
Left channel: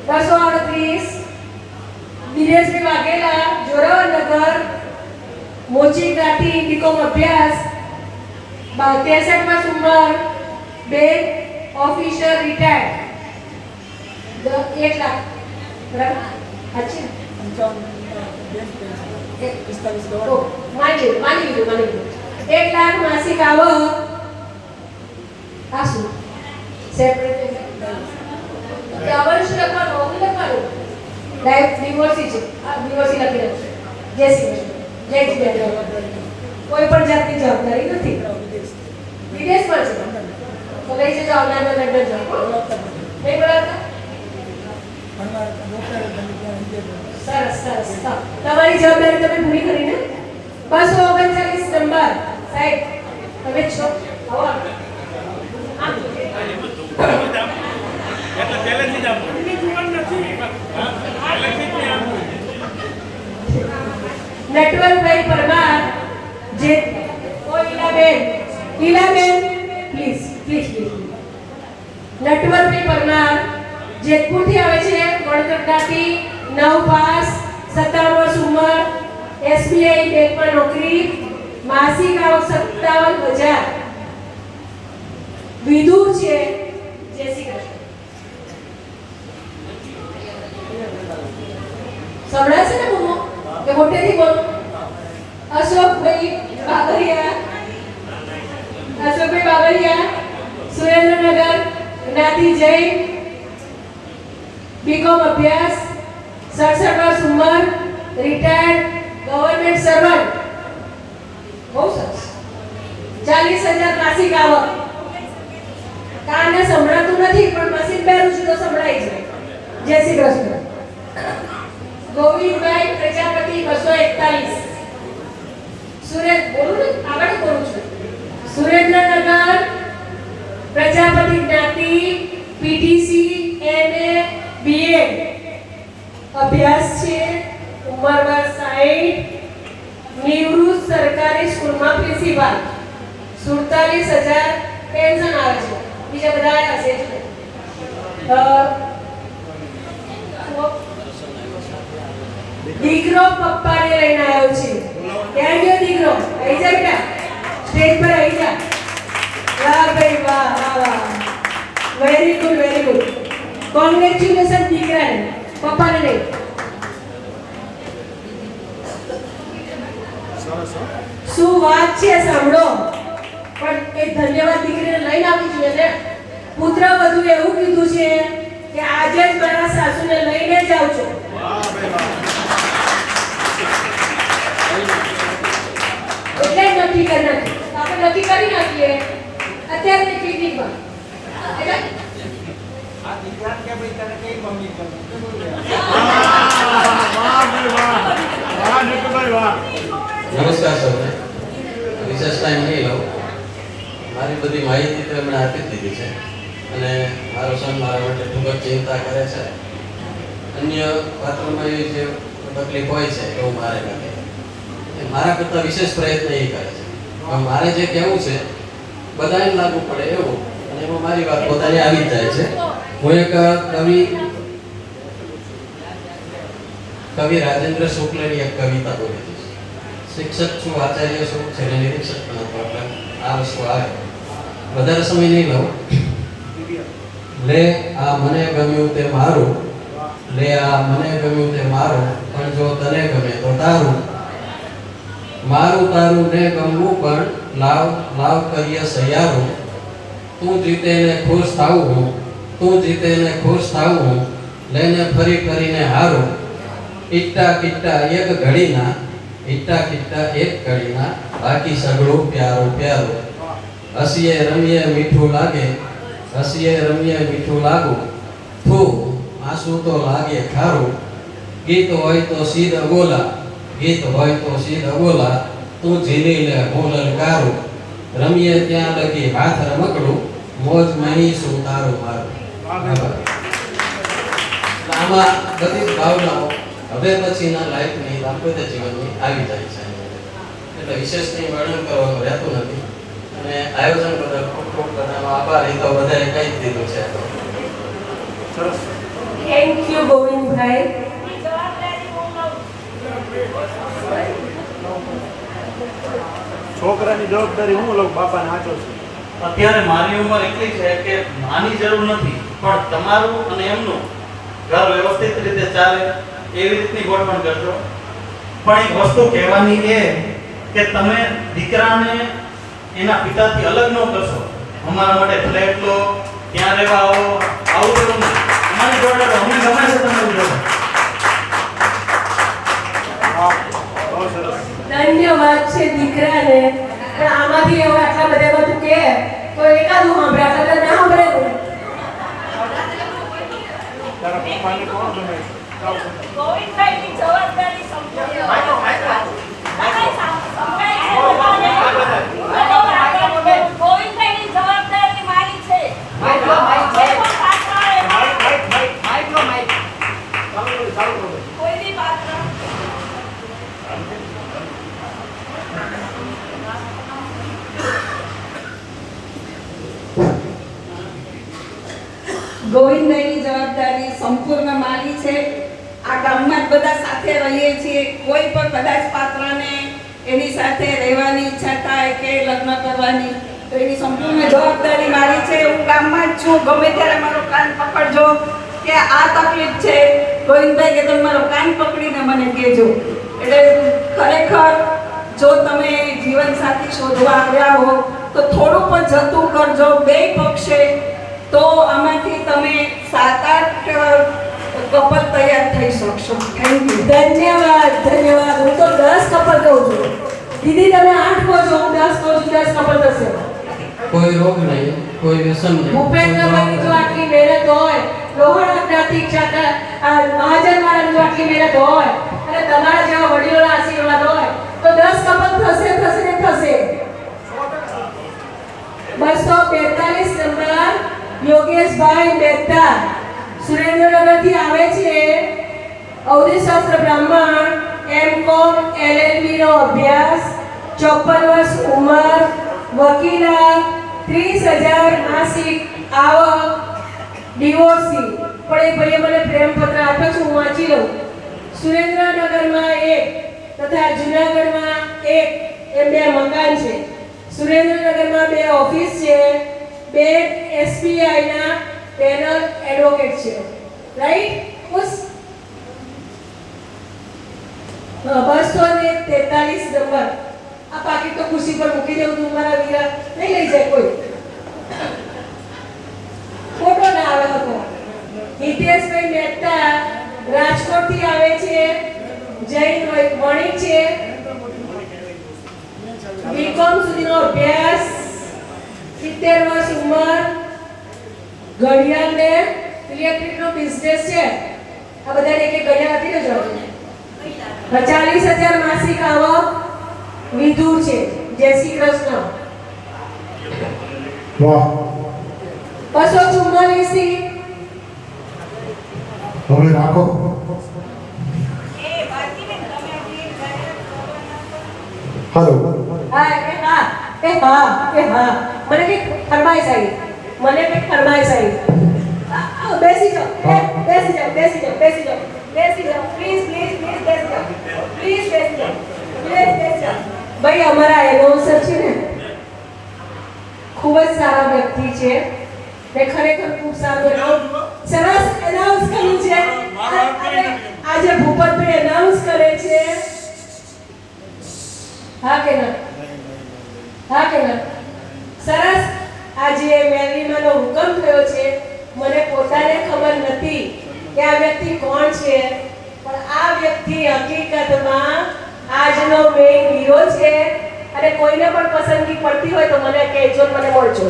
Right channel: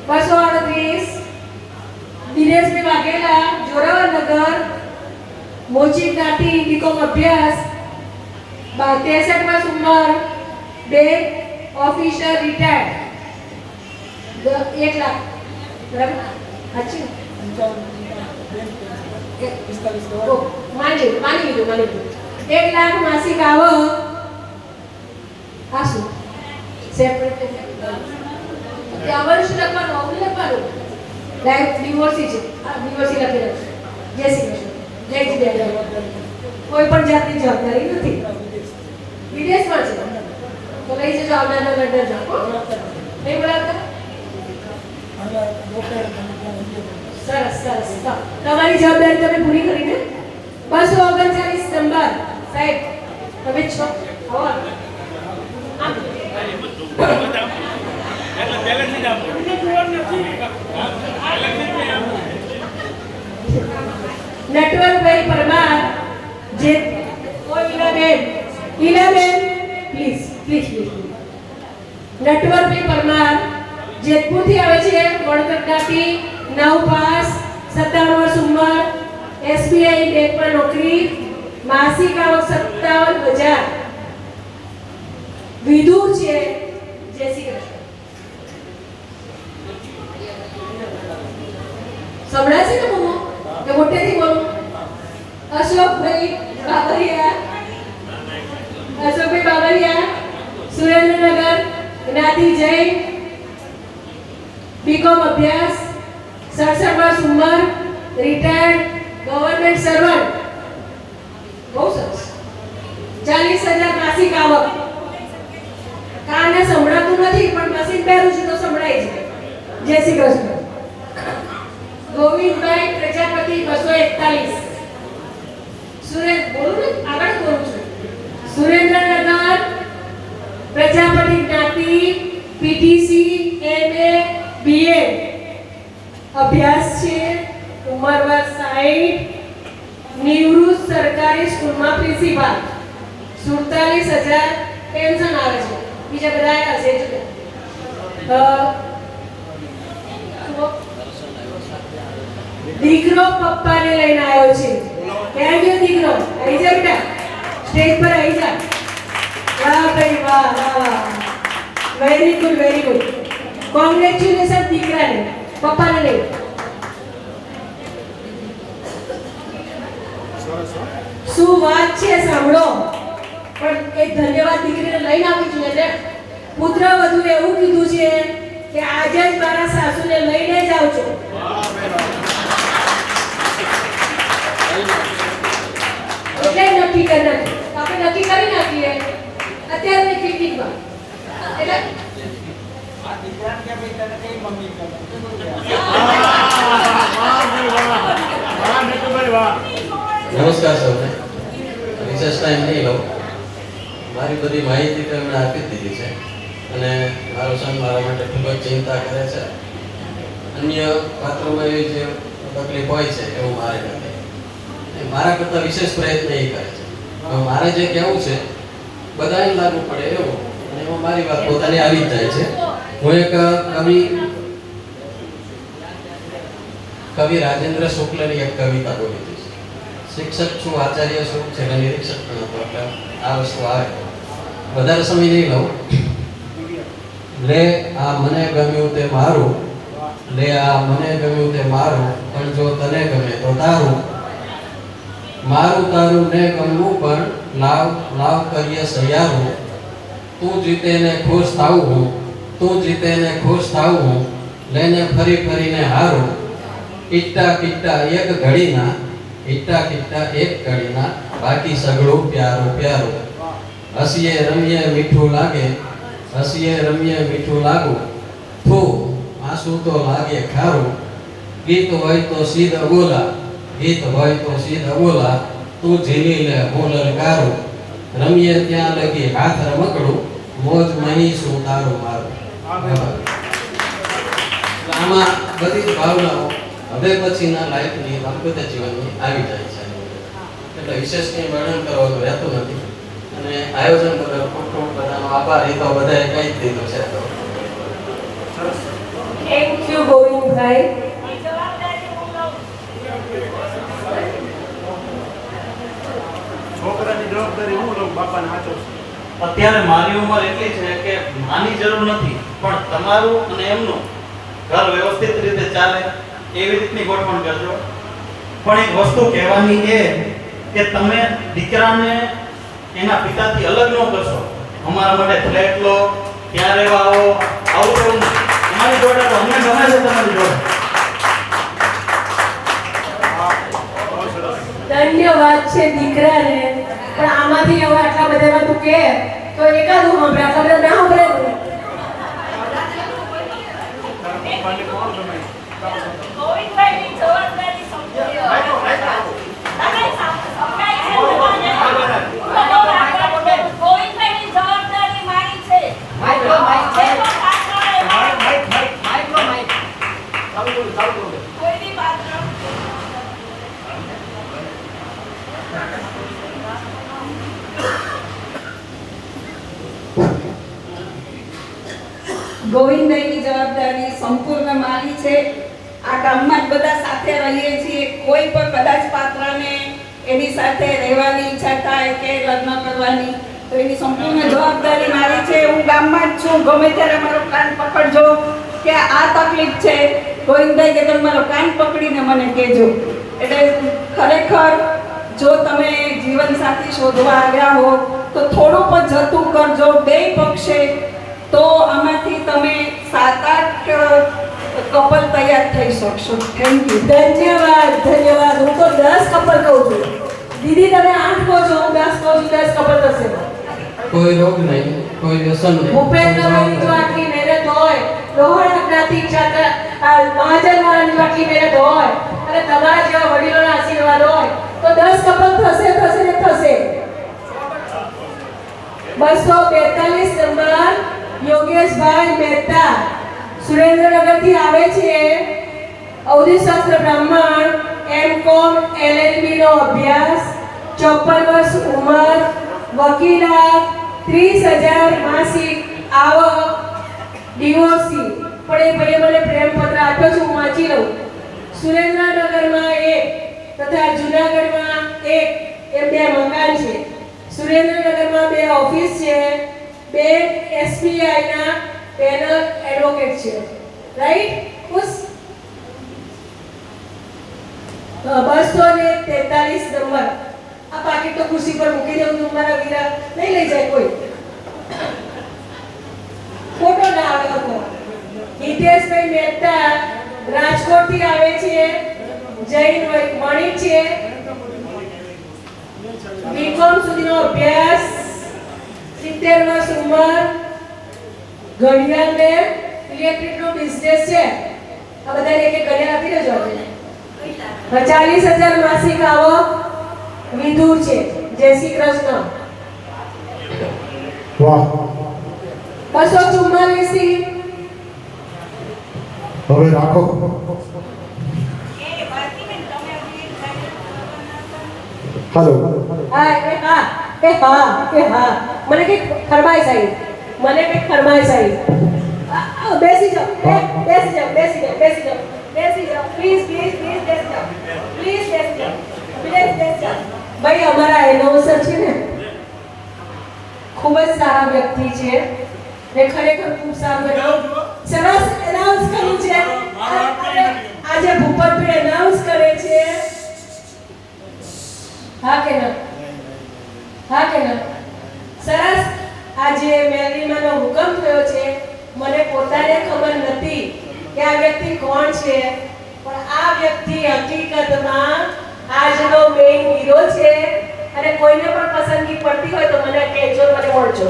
238 દિનેશભાઈ વાઘેલા, જોરાવરનગર, મોચી કાઠી, બીકોમ અભ્યાસ, 63 વર્ષ ઉંમર, બેંક ઓફિસર રિટાયર્ડ, 1 લાખ. બરાબર? અચ્છા માની લીધું. 1 લાખ માસિક આવક. આ શું સેપરેટ આવવાનું શું લખવાનું ડાયરેક્ટ ડિવોર્સી છે. આ ડિવોર્સી લખી નાખો. જય શ્રી કૃષ્ણ. જય જીજાજી. કોઈ પણ જાતની જવાબદારી નથી. વિદેશમાં છે તો લઈ જજો. આવનાર લંડન જાઓ. નહીં બોલાવતા? સરસ સરસ. તમારી જવાબદારી તમે પૂરી કરીને 239 નંબર સાહેબ તમે છો. આવો એટલે પહેલેથી જ આપો નટવરભાઈ પરમાર, જે ઈલાબેન પ્લીઝ નટવરભાઈ પરમાર જેતપુરથી આવે છે, વણકટકાથી, 9 પાસ, 57 વર્ષ ઉંમર, એસબીઆઈ બેંકમાં નોકરી, માસિક આવક 57,000, વિધુર છે. જય શ્રી કૃષ્ણ. સંભળાય છે ને મમ્મો કે મોટેથી બોલો? અશોકભાઈ બાબરિયા, સુરેન્દ્રનગર, જ્ઞાતિ જૈન, બીકોમ અભ્યાસ, 67 વર્ષ ઉંમર, રિટાયર્ડ, ગવર્નમેન્ટ સર્વન્ટ. બહુ સરસ. 40,000 માસિક આવક. કાને સંભળાતું નથી પણ મશીન પહેરું છું તો સંભળાય છે. જય શ્રી કૃષ્ણ. ગોવિંદભાઈ પ્રજાપતિ, 241, આગળ બોલું છું. સુરેન્દ્રનગર, પ્રજાપતિ જ્ઞાતિ, પીટીસી, એમએ, બીએ, અભ્યાસ છે, ઉંમર વર્ષ 60, નિવૃત્ત સરકારી સ્કૂલમાં પ્રિન્સિપાલ, 47,000 પેન્શન આવે છે. બીજા બધા હશે જ. દીકરો પપ્પાને લઈને આવ્યો છે. ક્યાં ગયો દીકરો? આવી જા બેટા, સ્ટેજ પર આવી જા. વાહ ભાઈ વાહ. Very good. કોંગ્રેચ્યુલેશન દીકરાને, પપ્પાને નહીં. શું વાત છે સાંભળો. પણ એક ધન્યવાદ દીકરીને લઈને આવી છું એટલે પુત્ર વધુ એવું કીધું છે કે આજે જ મારા સાસુને લઈને જ આવજો. એટલે નક્કી કરી નાખી. આપણે નક્કી કરી નાખીએ અત્યારે પિકનિકમાં. એટલે આ દીકરા કે ભાઈ તને કઈ મમ્મી કહે નમસ્કાર સૌને. રિસર્ચ ટાઈમ નહીં લો. મારી બધી માહિતી તો એમને આપી દીધી છે અને મારો સન મારા માટે ખૂબ જ ચિંતા કરે છે. અન્ય પાત્રોમાં એવી જે તકલીફ હોય છે એવું મારે નથી. મારા કરતાં વિશેષ પ્રયત્ન એ કરે છે. મારે જે કહેવું છે બધાને લાગુ પડે એવું, અને એમાં મારી વાત પોતાની આવી જ જાય છે. હું એક કવિ રાજેન્દ્ર શુક્લની એક કવિતા બોલી હતી. શિક્ષક છું, આચાર્ય છું, છેલ્લે નિરીક્ષક પણ હતો. એટલે આ વસ્તુ આવે. વધારે સમય નહીં લઉં. લે આ મને ગમ્યું તે મારું, લે આ મને ગમ્યું તે મારું, પણ જો તને ગમે તો તારું. મારું તારું ને ગમવું પણ લાવ કરીએ સૈયારું. તું જીતે ને ખુશ થાઉં હું, તું જીતે ને ખુશ થાઉં હું, લઈને ફરી ફરીને હારું, ઈટ્ટા કિટ્ટા એક ઘડીના, ઈટ્ટા કિટ્ટા એક ઘડીના, બાકી સગળું પ્યારું પ્યારું, હસીએ રમીએ મીઠું લાગે, હસીએ રમીએ મીઠું લાગુ, થૂ આંસુ તો લાગે ખારું, ગીત હોય તો સીધા બોલા, ગીત હોય તો સીધા બોલા, તું ઝીલી લે હું લલકારું, રમીએ ત્યાં લગી હાથ રમકડું, મોજ નહીં શું તારું મારું. આમાં બધી જ ભાવનાઓ હવે પછીના લાઈફની દાંપત્ય જીવનની આવી જાય છે. એટલે વિશેષ કંઈ વર્ણન કરવાનું રહેતું નથી. અને આયોજન બદલ ખૂબ ખૂબ બધાનો આભાર. એ તો બધાએ કહી જ દીધું છે. તો થેન્ક યુ ગોવિંદભાઈ. છોકરાની જવાબદારી હું લઉં, બાપાને આચો છું. અત્યારે મારી ઉંમર એટલી છે કે માની જરૂર નથી, પણ તમારું અને એમનું ઘર વ્યવસ્થિત રીતે ચાલે એવી રીતની ગોઠવણ કરજો. પણ એક વસ્તુ કહેવાની એ કે તમે દીકરાને એના પિતાથી અલગ ન કરશો. અમારા માટે ફ્લેટ લો, ત્યાં રહેવા આવો, આવું રહેવું નહીં. અમારી જોડે રહો, અમને ગમે છે તમારી જોડે. ધન્યવાદ છે દીકરાને. પણ આમાંથી હવે આટલા બધામાં તું કે તો એકાદું સાંભળે, આટલા બધા ના સાંભળે ને. તારા પપ્પાને કોણ ગમે? ગોવિંદભાઈની જવાબદારી ગોવિંદભાઈની જવાબદારી મારી છે. કોઈ બી પાત્ર ગોવિંદભાઈની જવાબદારી સંપૂર્ણ મારી છે. આ ગામમાં જ બધા સાથે રહીએ છીએ. કોઈ પણ કદાચ પાત્રને એની સાથે રહેવાની ઈચ્છા થાય કે લગ્ન કરવાની, તો એની સંપૂર્ણ જવાબદારી મારી છે. હું ગામમાં જ છું. ગમે ત્યારે મારો કાન પકડજો કે આ તકલીફ છે, ગોવિંદભાઈ કે તમે મારો કાન પકડીને મને કહેજો. એટલે ખરેખર જો તમે જીવનસાથી શોધવા આવ્યા હો તો થોડું પણ જતું કરજો બે પક્ષે, તો આમાંથી તમે 7-8 કપલ તૈયાર થઈ શકશો. Thank you. ધન્યવાદ ધન્યવાદ. હું તો 10 કપલ કહું છું. દીદી તમે 8 કહો છો, હું 10 કહું છું. 10 કપલ થશે. કોઈ રોગ નહીં, કોઈ વ્યસન નહીં. ભૂપેન્દ્રભાઈની જો આટલી મહેનત હોય, રોહણ જ્ઞાતિ ક્ષેત્ર મહાજનવાળાની જો આટલી મહેનત હોય અને તમારા જેવા વડીલોના આશીર્વાદ હોય તો 10 કપલ થશે થશે ને થશે. 242 નંબર યોગેશભાઈ મહેતા સુરેન્દ્રનગરથી આવે છે. અવધિશાસ્ત્ર બ્રાહ્મણ, M.Com LLB નો અભ્યાસ, 54 વર્ષ ઉંમર, વકીલાત, 30,000 માસિક આવક, ડિવોર્સી. પણ એ ભાઈએ મને પ્રેમપત્ર આપ્યો છે, હું વાંચી લઉં. સુરેન્દ્રનગરમાં 1 તથા જૂનાગઢમાં 1 એ 2 મકાન છે. સુરેન્દ્રનગરમાં 2 ઓફિસ છે, 2 SBI ના પેનલ એડવોકેટ છે. રાઈટ? ખુશ? 243 નંબર. આ પાકીટ તો ખુશી પર મૂકી દેવું તું મારા વીરા, નહીં લઈ જાય કોઈ. ફોટો ના આવે હતો. હિતેશભાઈ મહેતા રાજકોટથી આવે છે, જૈન વણિક છે, બીકોમ સુધીનો અભ્યાસ, 70 વર્ષ ઉંમર, ઘડિયાળ ને ઇલેક્ટ્રિકનો બિઝનેસ છે. આ બધાને એક એક ઘડિયાળ આપી દેજો. 40,000 માસિક આવક, વિધુર છે. જય શ્રી કૃષ્ણ. વાહ. 244 હવે રાખો. હાલો. હા કે હા કે હા કે હા. મને કે ફરમાઈશ આવી, મને કે ફરમાઈશ આવી. બેસી જાઓ, બેસી જાઓ, બેસી જાઓ, બેસી જાઓ, બેસી જાઓ. પ્લીઝ પ્લીઝ પ્લીઝ બેસી જાઓ, પ્લીઝ બેસી જાઓ, પ્લીઝ બેસી જાઓ. ભાઈ અમારા એનાઉન્સર છે ને, ખૂબ જ સારા વ્યક્તિ છે ને, ખરેખર ખૂબ સારું સરસ એનાઉન્સ કર્યું છે. આજે ભૂપતભાઈ એનાઉન્સ કરે છે. હા કે ના? હા કે ના? સરસ. આજે મેલરીમાંનો હુકમ થયો છે, મને પોતાને ખબર નથી કે આ વ્યક્તિ કોણ છે, પણ આ વ્યક્તિ હકીકતમાં આજનો મેઇન હીરો છે. અને કોઈને પણ પસંદગી પડતી હોય તો મને કહેજો, મને મળજો.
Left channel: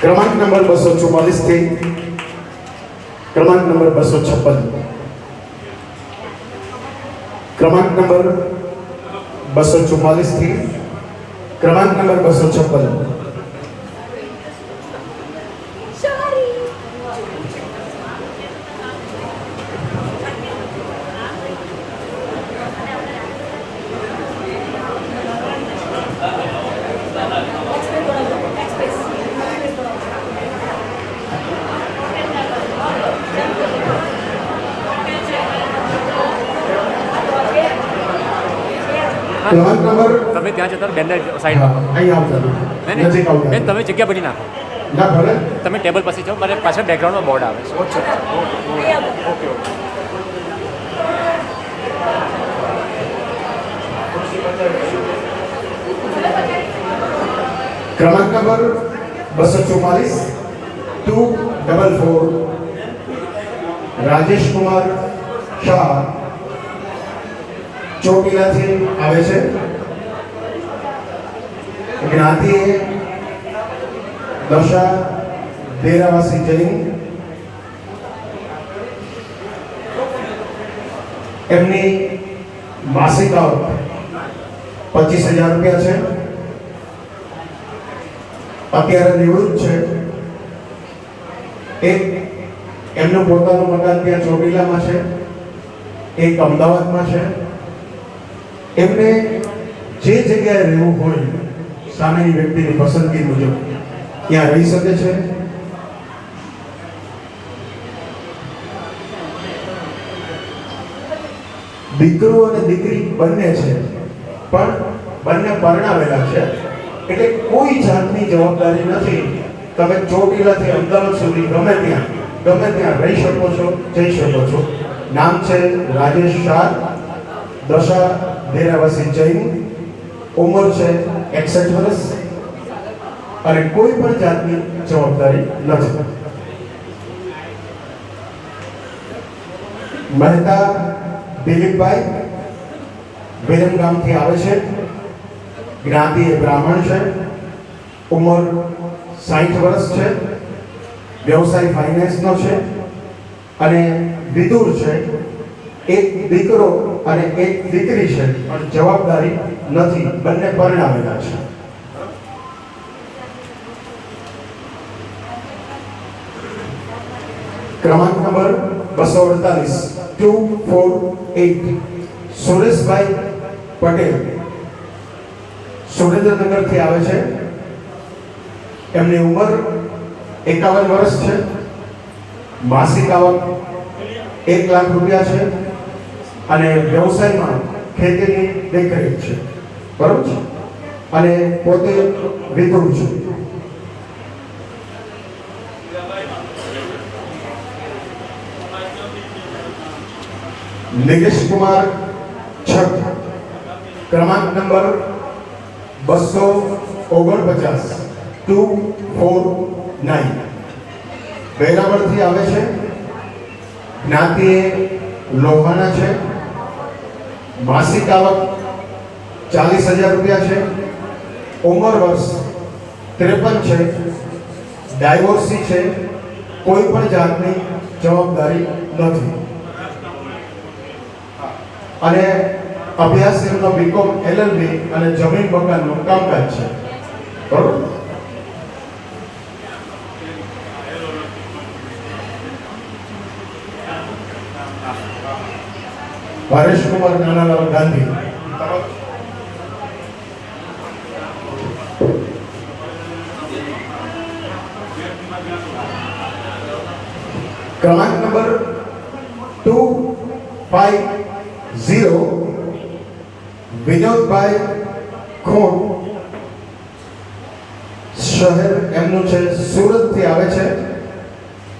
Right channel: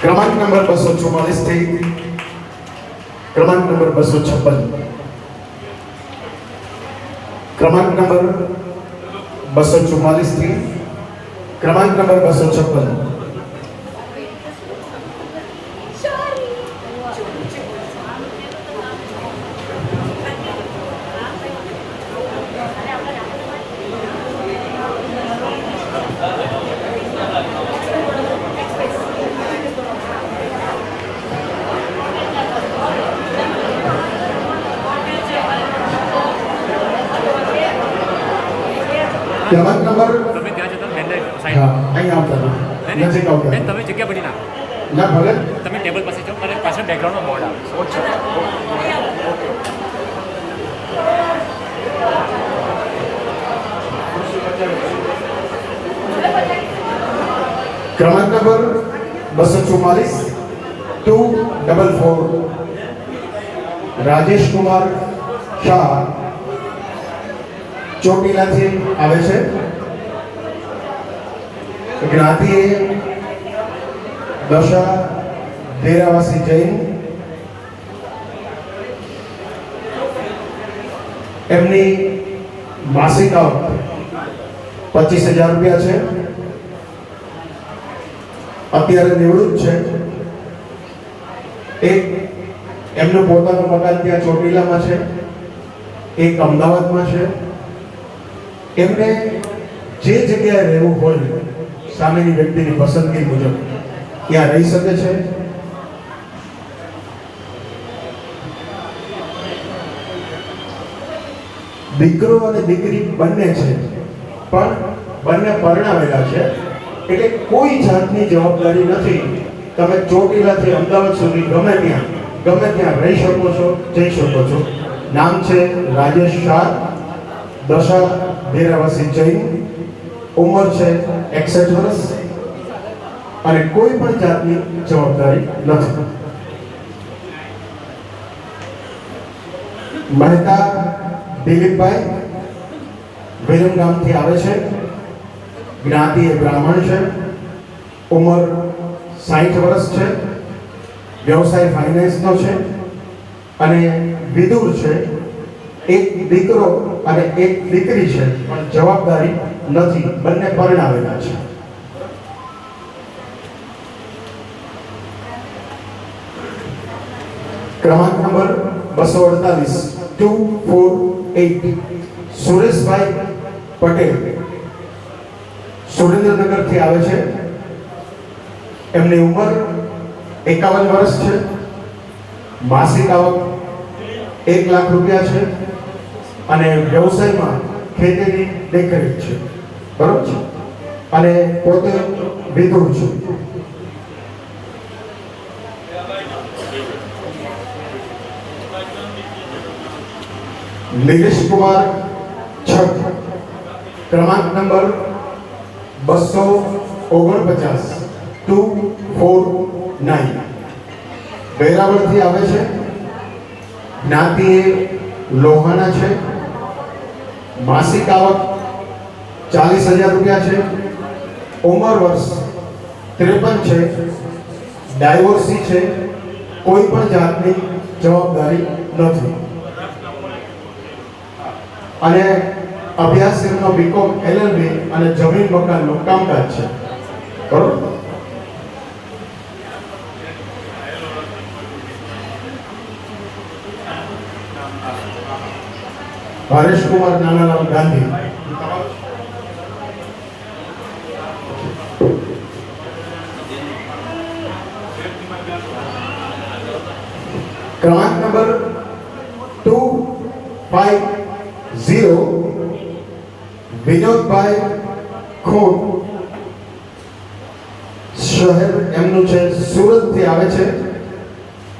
ક્રમાંક નંબર 244 થી ક્રમાંક નંબર 256. ક્રમાંક નંબર 244 થી ક્રમાંક નંબર 256. ક્રમાંક નંબર તમે ત્યાં જતા બેનને હા, સાઈડ અહીંયા આવતા નજીક આવતા બેન તમે જગ્યા બની નાખો. ના ભલે. તમે ટેબલ પાસે જાઓ, મારે પાછળ બેકગ્રાઉન્ડમાં બોર્ડ આવે છે. નહીં આવો. ક્રમાંક નંબર 244 244 રાજેશ કુમાર શાહ ચોટીલાથી આવે છે. જ્ઞાતિ દશા ડેરાવાસી જૈન. એમની માસિક આવક 25,000 રૂપિયા છે. અત્યારે નિવૃત્ત છે. એક એમનું પોતાનું મકાન ત્યાં ચોટીલામાં છે, એક અમદાવાદમાં છે. એમને જે જગ્યાએ રહેવું હોય સામેની વ્યક્તિની પસંદગી મુજબ ત્યાં રહી શકે છે. દીકરો અને દીકરી બંને છે, પણ બંને પરણાવેલા છે, એટલે કોઈ જાતની જવાબદારી નથી. તમે ચોટીલાથી અમદાવાદ સુધી ગમે ત્યાં રહી શકો છો, જઈ શકો છો. નામ છે રાજેશ શાહ, દશા ડેરાવાસી જૈન. ઉંમર છે 61 વર્ષ અને કોઈ પણ જાતની જવાબદારી નથી. મહેતા દિલીપભાઈ વિરમગામથી આવે છે. જ્ઞાતિ એ બ્રાહ્મણ છે. ઉંમર 60 વર્ષ છે. વ્યવસાય ફાઇનાન્સનો છે અને વિદુર છે. એક દીકરો અને એક દીકરી છે, પણ જવાબદારી નથી. બંને પરણાવેલા છે. ક્રમાંક નંબર 248 248 સુરેશભાઈ પટેલ સુરેન્દ્રનગરથી આવે છે. એમની ઉંમર 51 વર્ષ છે. માસિક આવક 1 લાખ રૂપિયા છે અને વ્યવસાયમાં ખેતીની દેખરેખ છે. બરોબર છે. અને પોતે વિધુર છે. નિલેશ કુમાર છઠ ક્રમાંક નંબર 249 249 વેરાવળથી આવે છે. જ્ઞાતિ એ લોહાના છે. માસિક આવક 40,000 રૂપિયા છે. ઉંમર વર્ષ 53 છે. ડાયવોર્સી છે. કોઈ પણ જાતની જવાબદારી નથી અને અભ્યાસ એમનો બીકોમ એલએલબી અને જમીન મકાનનું કામકાજ છે. બરોબર. હરેશ કુમાર નાનાલાલ ગાંધી ક્રમાંક નંબર 250 વિનોદભાઈ ખોટ શહેર એમનું છે સુરતથી આવે છે.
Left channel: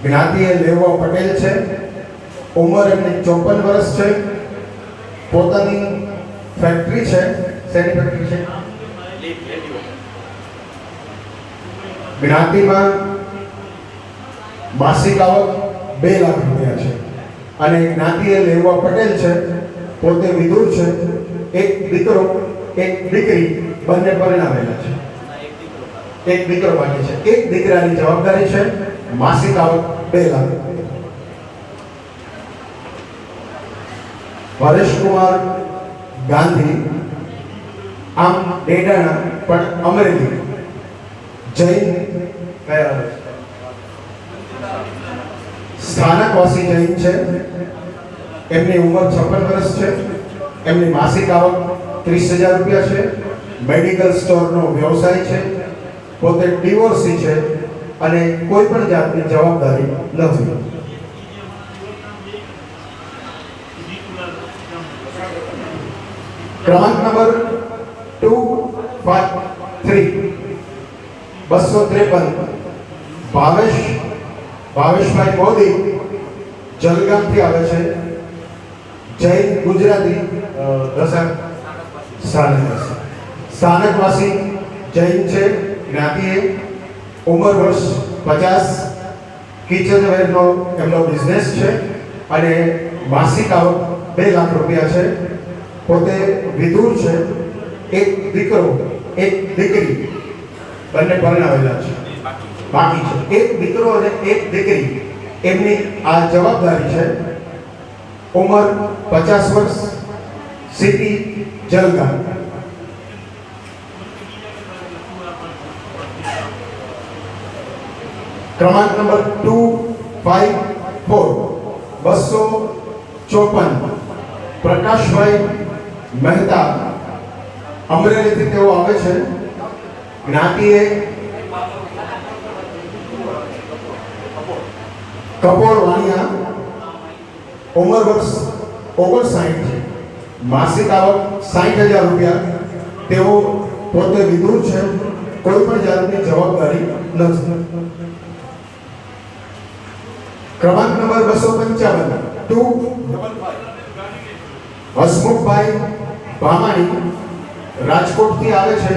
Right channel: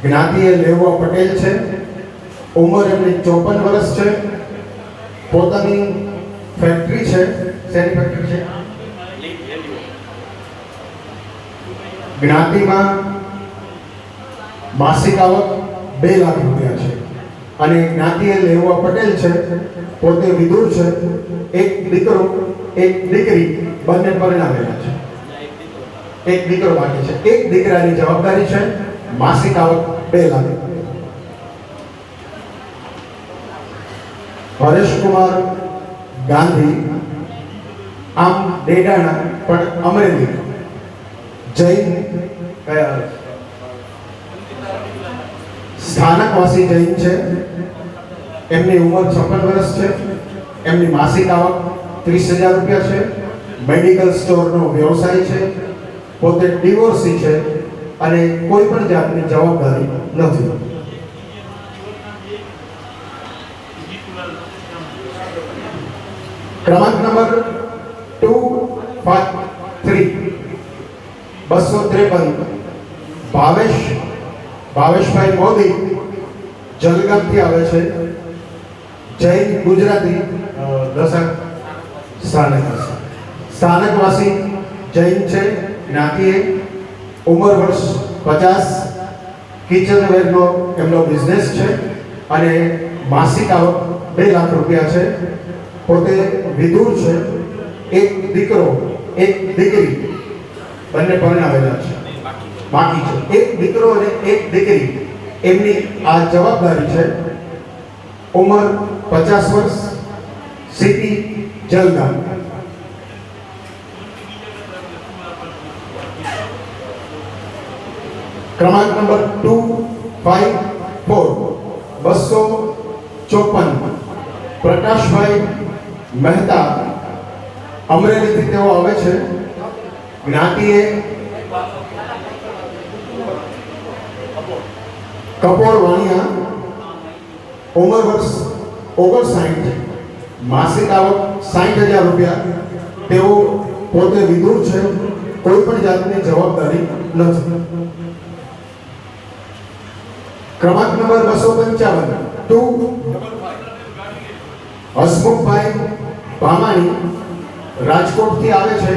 જ્ઞાતિ એ લેવા પટેલ છે. ઉંમર એમની 54 વર્ષ છે. પોતાની ફેક્ટરી છે. શેની ફેક્ટરી છે? જ્ઞાતિમાં માસિક આવક 2 લાખ રૂપિયા છે અને જ્ઞાતિએ લેવા પટેલ છે, પોતે વિદુર છે, એક દીકરો એક દીકરી બંને પરણાવેલા છે. એક દીકરો બાકી છે. એક દીકરાની જવાબદારી છે, માસિક આવક 2 લાખ. હરેશકુમાર ગાંધી, આમ ડેડાણા પણ અમરેલી, જૈન, સ્થાનકવાસી જૈન છે. એમની ઉંમર 56 વર્ષ છે. એમની માસિક આવક 30,000 રૂપિયા છે. મેડિકલ સ્ટોરનો વ્યવસાય છે. પોતે ડિવોર્સી છે અને કોઈ પણ જાતની જવાબદારી નથી. ક્રમાંક નંબર 253 253 ભાવેશભાઈ મોદી, જલગામથી આવે છે. જૈન ગુજરાતી, સ્થાનકવાસી જૈન છે. જ્ઞાતિએ ઉંમર વર્ષ 50, કિચનવેરનો એમનો બિઝનેસ છે અને માસિક આવક 2 લાખ રૂપિયા છે. પોતે વિદુર છે. એક દીકરો એક દીકરી બંને પરણાવેલા છે, બાકી છે. એક દીકરો અને એક દીકરી, એમની આ જવાબદારી છે. ઉંમર 50 વર્ષ, સિટી જલગામ. ક્રમાંક નંબર 254 254 પ્રકાશભાઈ મહેતા, અમરેલીથી તેઓ આવે છે. જ્ઞાતિએ કપોર વાણિયા, ઉંમર વર્ષ 59, માસિક આવક 60,000 રૂપિયા. તેઓ પોતે વિદુર છે, કોઈ પણ જાતની જવાબદારી નથી. ક્રમાંક નંબર 255 હસમુખભાઈ ભામાણી, રાજકોટથી આવે છે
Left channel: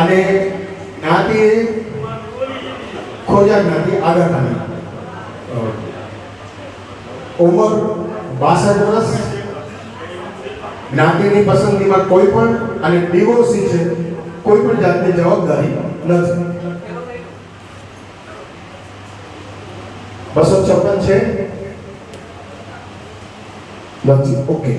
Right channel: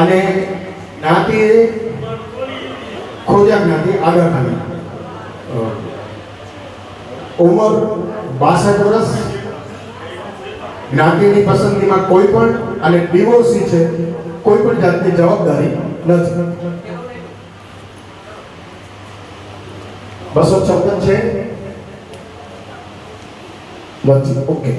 અને જ્ઞાતિએ ખોજા જ્ઞાતિ, આગળ જ્ઞાતિ. ઉંમર 62 વર્ષ. જ્ઞાતિની પસંદગીમાં કોઈ પણ અને ડિવોર્સી છે, કોઈ પણ જાતની જવાબદારી નથી. 256 છે નથી. ઓકે.